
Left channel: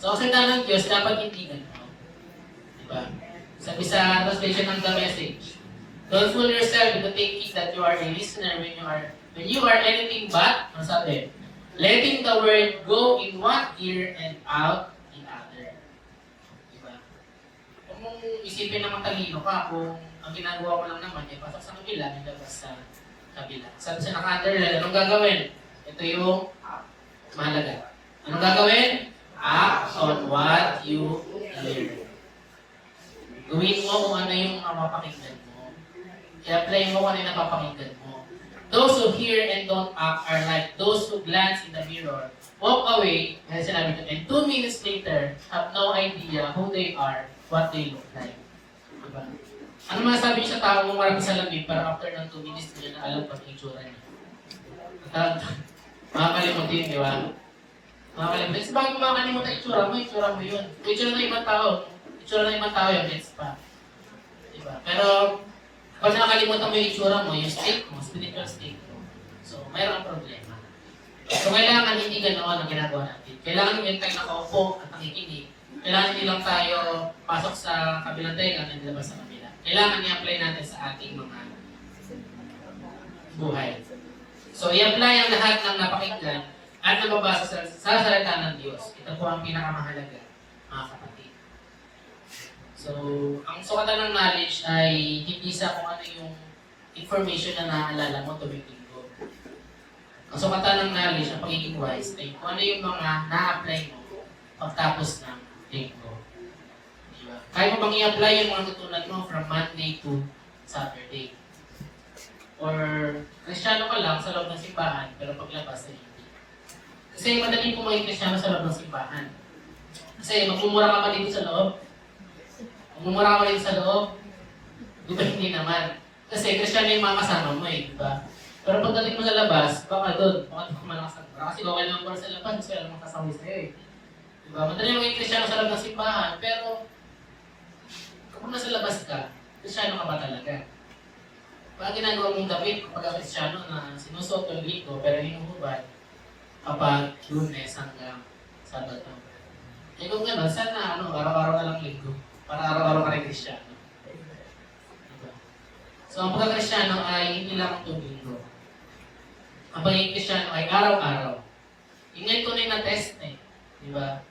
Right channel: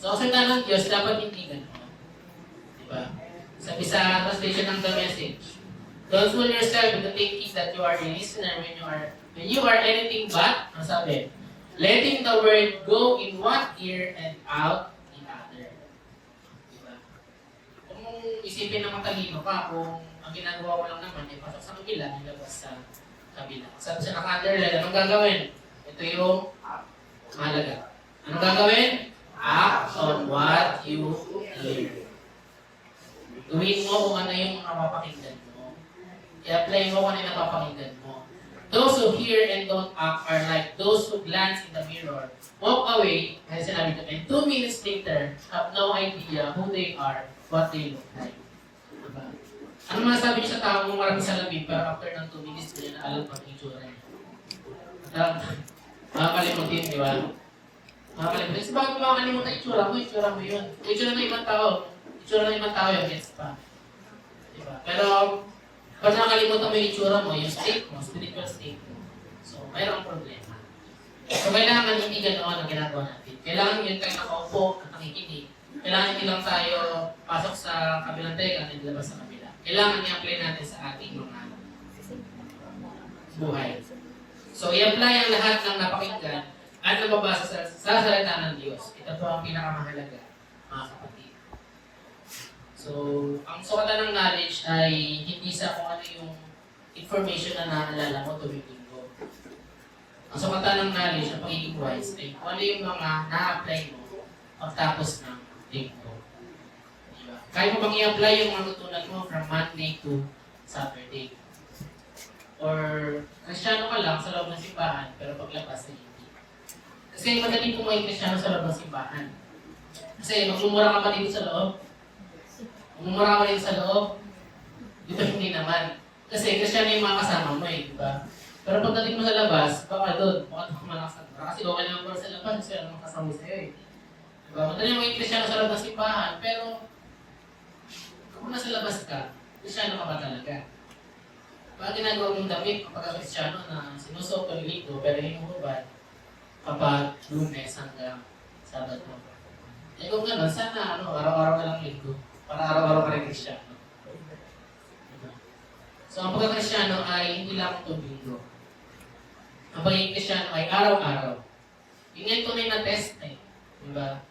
So ang salita ng Diyos, dapat hindi gano'n. Diba? Sabi sa translation ng The Message, don't fool yourself into thinking that you are a listener when you are anything but, ano sabi? Letting the word go in one ear and out in other. Diba? isipin na matalino ka kung ang ginagawa mo lang naman ay pasok sa kabila, nilabas sa kabila. Sabi sa naka-underline, anong gagawin? Ito yung mahalaga. Anong gagawin? Act on what you learn. Gawin mo kung ano yung napapakinggan mo. I-apply mo kung ano yung napapakinggan mo. Those who hear and don't act are like those who glance in the mirror, walk away, and sinabi ko, and 2 minutes later, have no idea who they are, what they look like. Diba? Ano masasabi niyo sa tao mo marami sa labi, pero after ng 2 minutes, hindi na alam pag itsura niya. Makakalimutin, di ba? Makakalimutin. Kasi bakit makakalimutan itsura mo yun. Itsura ng ibang tao yun, gets pa. Diba? Pero, pag nakalimutan mo yung itsura mo, yung state mo, spiritual state mo, so, mayroong problema. So, kailangan hindi ganoon ang ginagawa natin. Kailangan yung tayo nakaupo at nakikinig. Kailangan hindi lang tayo pasok sa kabilang tayo at nilabas sa kabila. Kailangan i-apply natin sa ating mga buhay. So, i-apply ang lahat ng napakinggan at nababasa sa salita ng Diyos. Ito po ang pinakamahalaga, mga kapatid. So, ang sukatan ng knowledge ay hindi sa kung ano yung information na naaalala mo tuwing linggo. Ang sukatan ng knowledge, ang pagiging wise, ay kung ano yung mga na-apply mo pagtapos ng linggo. Diba? Kaya mo bang i-apply yung mga tutunan mo from Monday to Saturday? Or Kristiyano ka lang sa loob ng simbahan, pero paglabas ay hindi. Kasi madali po maging Kristiyano sa loob ng simbahan. Kasi magmumura ka pa dito sa loob. Magmumura ka pa dito sa loob. Di ba hindi naman? Kasi Kristiyano yung mga kasama mo eh, di ba? Pero pagdating mo sa labas, baka doon malakas ka. Kasi bawal naman para sa labas, kasi alam mo kasama sa'yo eh. Di ba? Madali maging Kristiyano sa loob ng simbahan, pero kung nasa labas ka, Kristiyano ka ba talaga? Bakit ginagawa mong David kapag Kristiyano na sinusuot yung linggo pero hinuhubad kapag Lunes hanggang Sabado? Eh kung gano'n, sana araw-araw na lang linggo para araw-araw ka rin Kristiyano. Diba? So ang pagka-Kristiyano ay hindi lang itong linggo. Ang pagiging Kristiyano ay araw-araw. Yung ngayon tunay na test eh. Diba?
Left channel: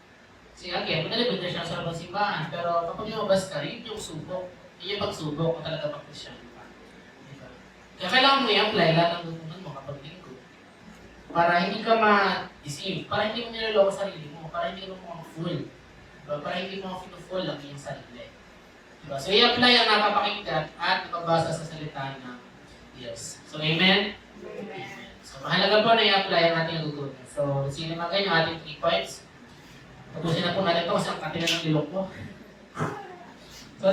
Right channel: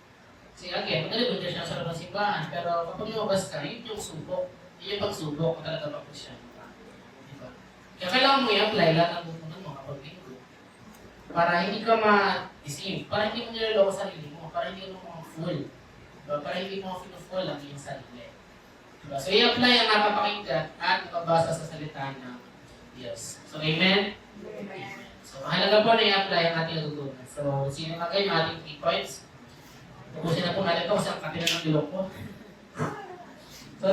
Kasi again, madali ba Kristiyano sa labang simbahan, pero kapag lumabas ka, yun yung subok. Yun yung pagsubok kung talaga pag Kristiyano. Kaya kailangan mo i-apply lahat ng tutunan mo kapag linggo. Para hindi ka ma-deceive, para hindi mo niloloko sarili mo, para hindi mo ma-fool. Diba? Para hindi mo ma-fool ang iyong sarili. Diba? So i-apply ang napapakinggan at ipabasa sa salita ng Diyos. So amen? Amen. So mahalaga po na i-apply ang ating natutunan. So sino na kayo yung ating 3 points? Tapusin na po natin ito kasi ang katilan ng ilok ko. So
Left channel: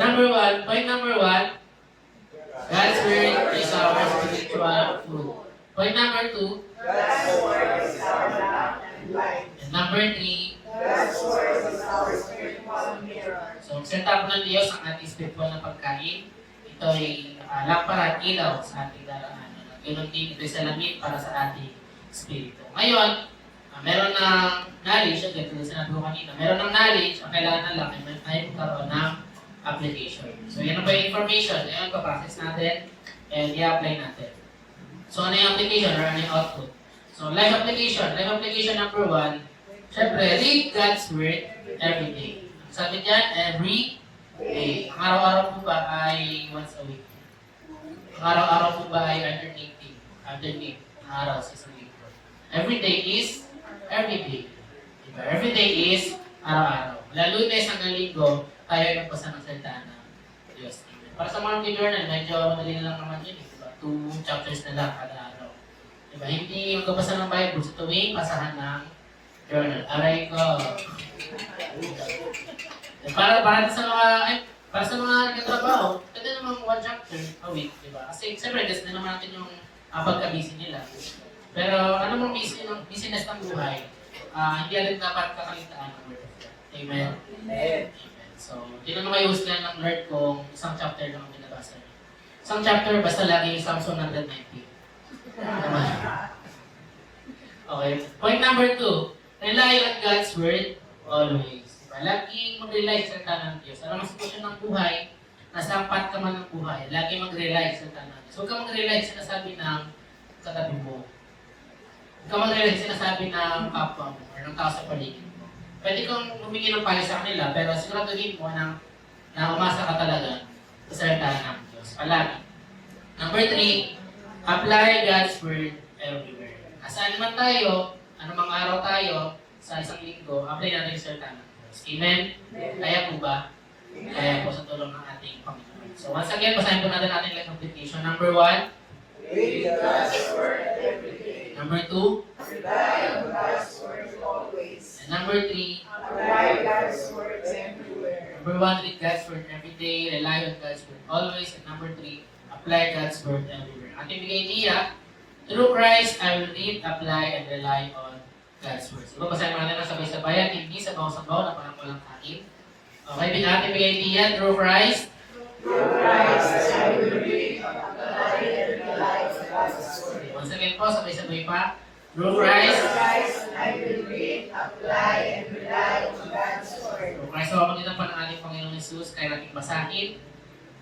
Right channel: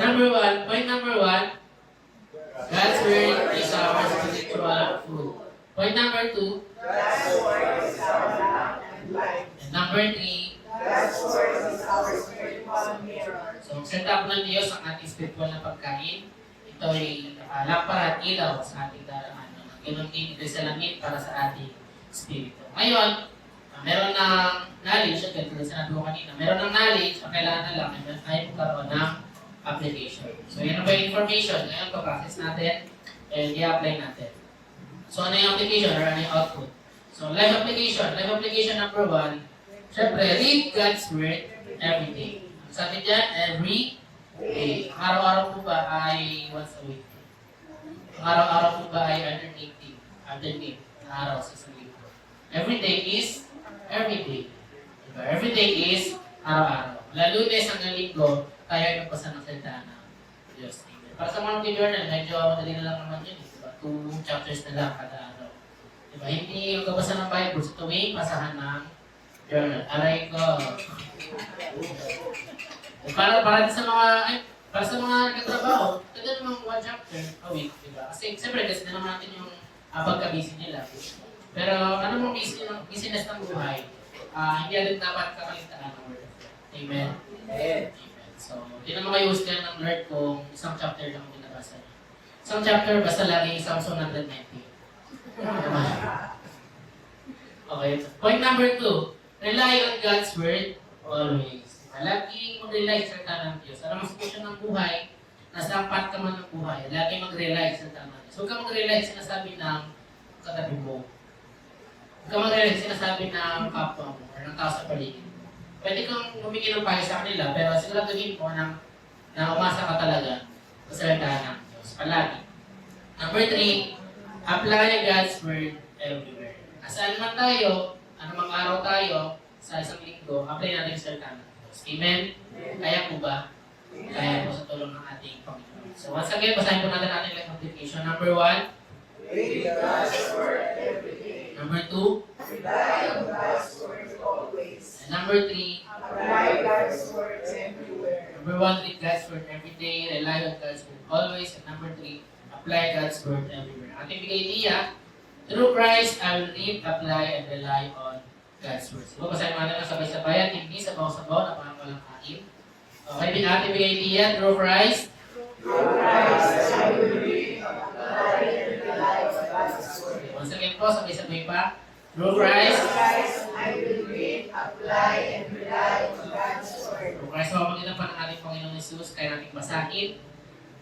point number 1, God's word is our spiritual food. Point number 2. God's word is our life. And number 3. God's word is our spiritual mirror. So, set up ng Diyos ang ating spiritual na pagkain. Ito ay lampara at ilaw sa ating daraanan. Ganun din ito sa langit para sa ating spirito. Ngayon, meron ng knowledge, agad tulad sinabi ko kanina, meron ng knowledge, ang kailangan na lang ay magkaroon ng application. So, yan ang ba yung information? Ayan, pa-process natin and i-apply natin. So, ano yung application or ano yung output? So, life application. Life application number 1, syempre, read God's Word every day. Sabi dyan, every day. Ang araw-araw po ba ay once a week? Ang araw-araw po ba ay alternate na araw sa isang linggo? Every day is every day. Diba? Every day is araw-araw. Lalo Lunes hanggang linggo, tayo ay magbasa ng salita ng Diyos. Amen. Para sa mga journal, medyo madali na lang naman yun. Diba? 2 chapters na lang kada araw. Diba? Hindi yung kabasa ng Bible sa tuwing pasahan ng journal. Aray ko. Para sa mga nagkatrabaho, pwede namang 1 chapter a week. Diba? Kasi siyempre, gusto na naman natin yung pagka-busy nila. Pero ano mong business ng buhay, hindi natin dapat kakalitaan ng Word of God. Amen? Amen. So, tinanong kayo husgan ng Lord kung isang chapter lang ang binabasa niyo. Isang chapter, basta lagi isang 190. Okay. Point number 2, rely on God's Word always. Lagi mag-rely sa salita ng Diyos. Alam mo sa sitwasyon ng buhay, nasa ampat ka man ng buhay, lagi mag-rely sa salita ng Diyos. Huwag ka mag-rely sa sinasabi ng katabi mo. Huwag ka mag-rely sa sinasabi ng kapwa mo or ng tao sa paligid mo. Pwede kang humingi ng payo sa kanila, pero siguraduhin mo ng na umasa ka talaga sa salita ng Diyos. Palagi. Number 3, apply God's Word everywhere. Saan man tayo, anumang araw tayo, sa isang linggo, apply natin yung salita ng Diyos. Amen? Kaya po ba? Kaya po sa tulong ng ating Panginoon. So once again, basahin po natin ating life application. Number 1, Read God's word every day. number 2, Rely on God's word always. and number 3, Apply God's words everywhere. number 1, read God's Word every day, rely on God's Word always, and number 3, apply God's Word everywhere. Ating bigay niya, through Christ, I will read, apply, and rely on God's Word. So, basahin natin ang sabay-sabayan, hindi sabaw-sabaw na parang walang kain. Okay, ating bigay niya, through Christ, Through Christ, I will read, apply, and rely on God's word. once again po, sabay-sabay pa, through Through Christ, Christ, I will read, apply, and rely on God's word. through Christ, mapagkitan pa ng ating Panginoong Jesus, kaya natin basahin,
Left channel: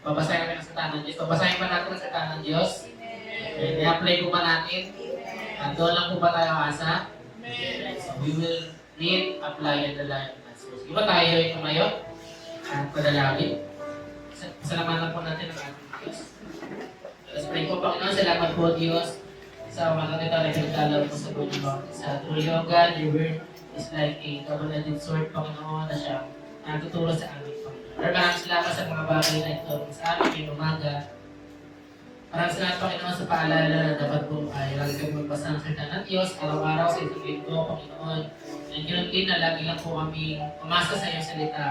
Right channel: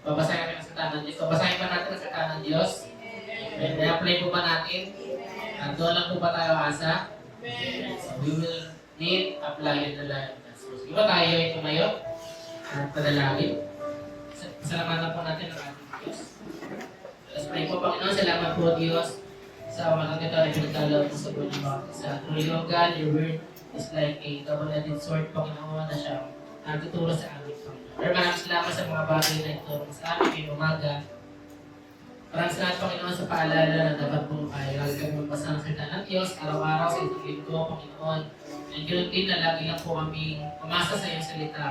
babasahin natin ang salita ng Diyos, babasahin pa natin ang salita ng Diyos, and i-apply po ba natin? Doon lang po ba tayo asa? So we will read, apply, and rely on God's word. Di ba tayo ay tumayo at padalawin? Salamatan po natin ang ating Diyos. Let's pray po, Panginoon. Salamat po, Diyos, sa mga katitari pinagdalaw po sa buhay mo. Sa truly, O God, your word is like a double-edged sword, Panginoon, na siyang natuturo sa amin, Panginoon. Lord, maraming salamat sa mga bagay na ito sa amin ngayong umaga. Maraming salamat, Panginoon, sa paalala na dapat po ay lagi kami magbasa ng salita ng Diyos, araw-araw sa isang linggo, Panginoon. And ganoon din na lagi lang po kami umasa sa iyong salita.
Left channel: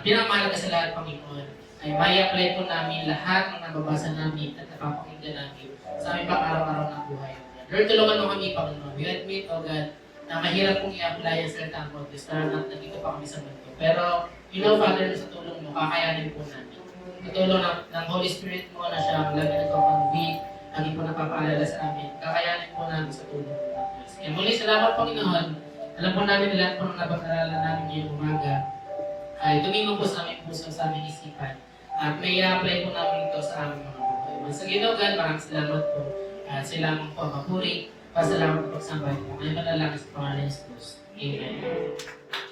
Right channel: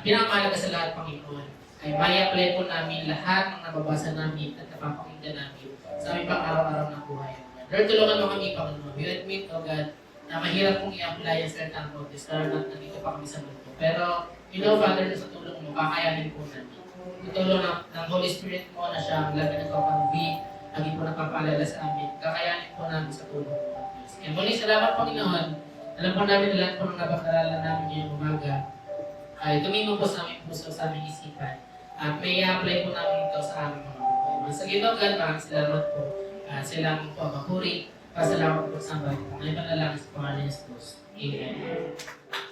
Pinamahalaga sa lahat, Panginoon, ay may-apply po namin lahat ng nababasa namin at napapakinggan namin sa aming pang-araw-araw na buhay. Lord, tulungan mo kami, Panginoon. We admit, O God, na mahirap kong i-apply ang salita ng Diyos, lalo na nandito pa kami sa mundo. Pero, you know, Father, sa tulong mo, kakayanin po namin. Tutulong ng Holy Spirit mo na siya ang lagi nagpapangbig, lagi po napapaalala sa amin. Kakayanin po namin sa tulong mo. Kaya muli, salamat, Panginoon. Alam po namin na lahat po ng napag-aralan namin ngayong umaga ay tumingin po sa aming puso, sa aming isipan. At may i-apply po namin ito sa aming mga buhay. Mas sa Ginoo, God, maraming salamat po. At sa ilang po mapuri. Pasalamat po sa bahay. Ngayon na lang sa pangalan ng Jesus. Amen.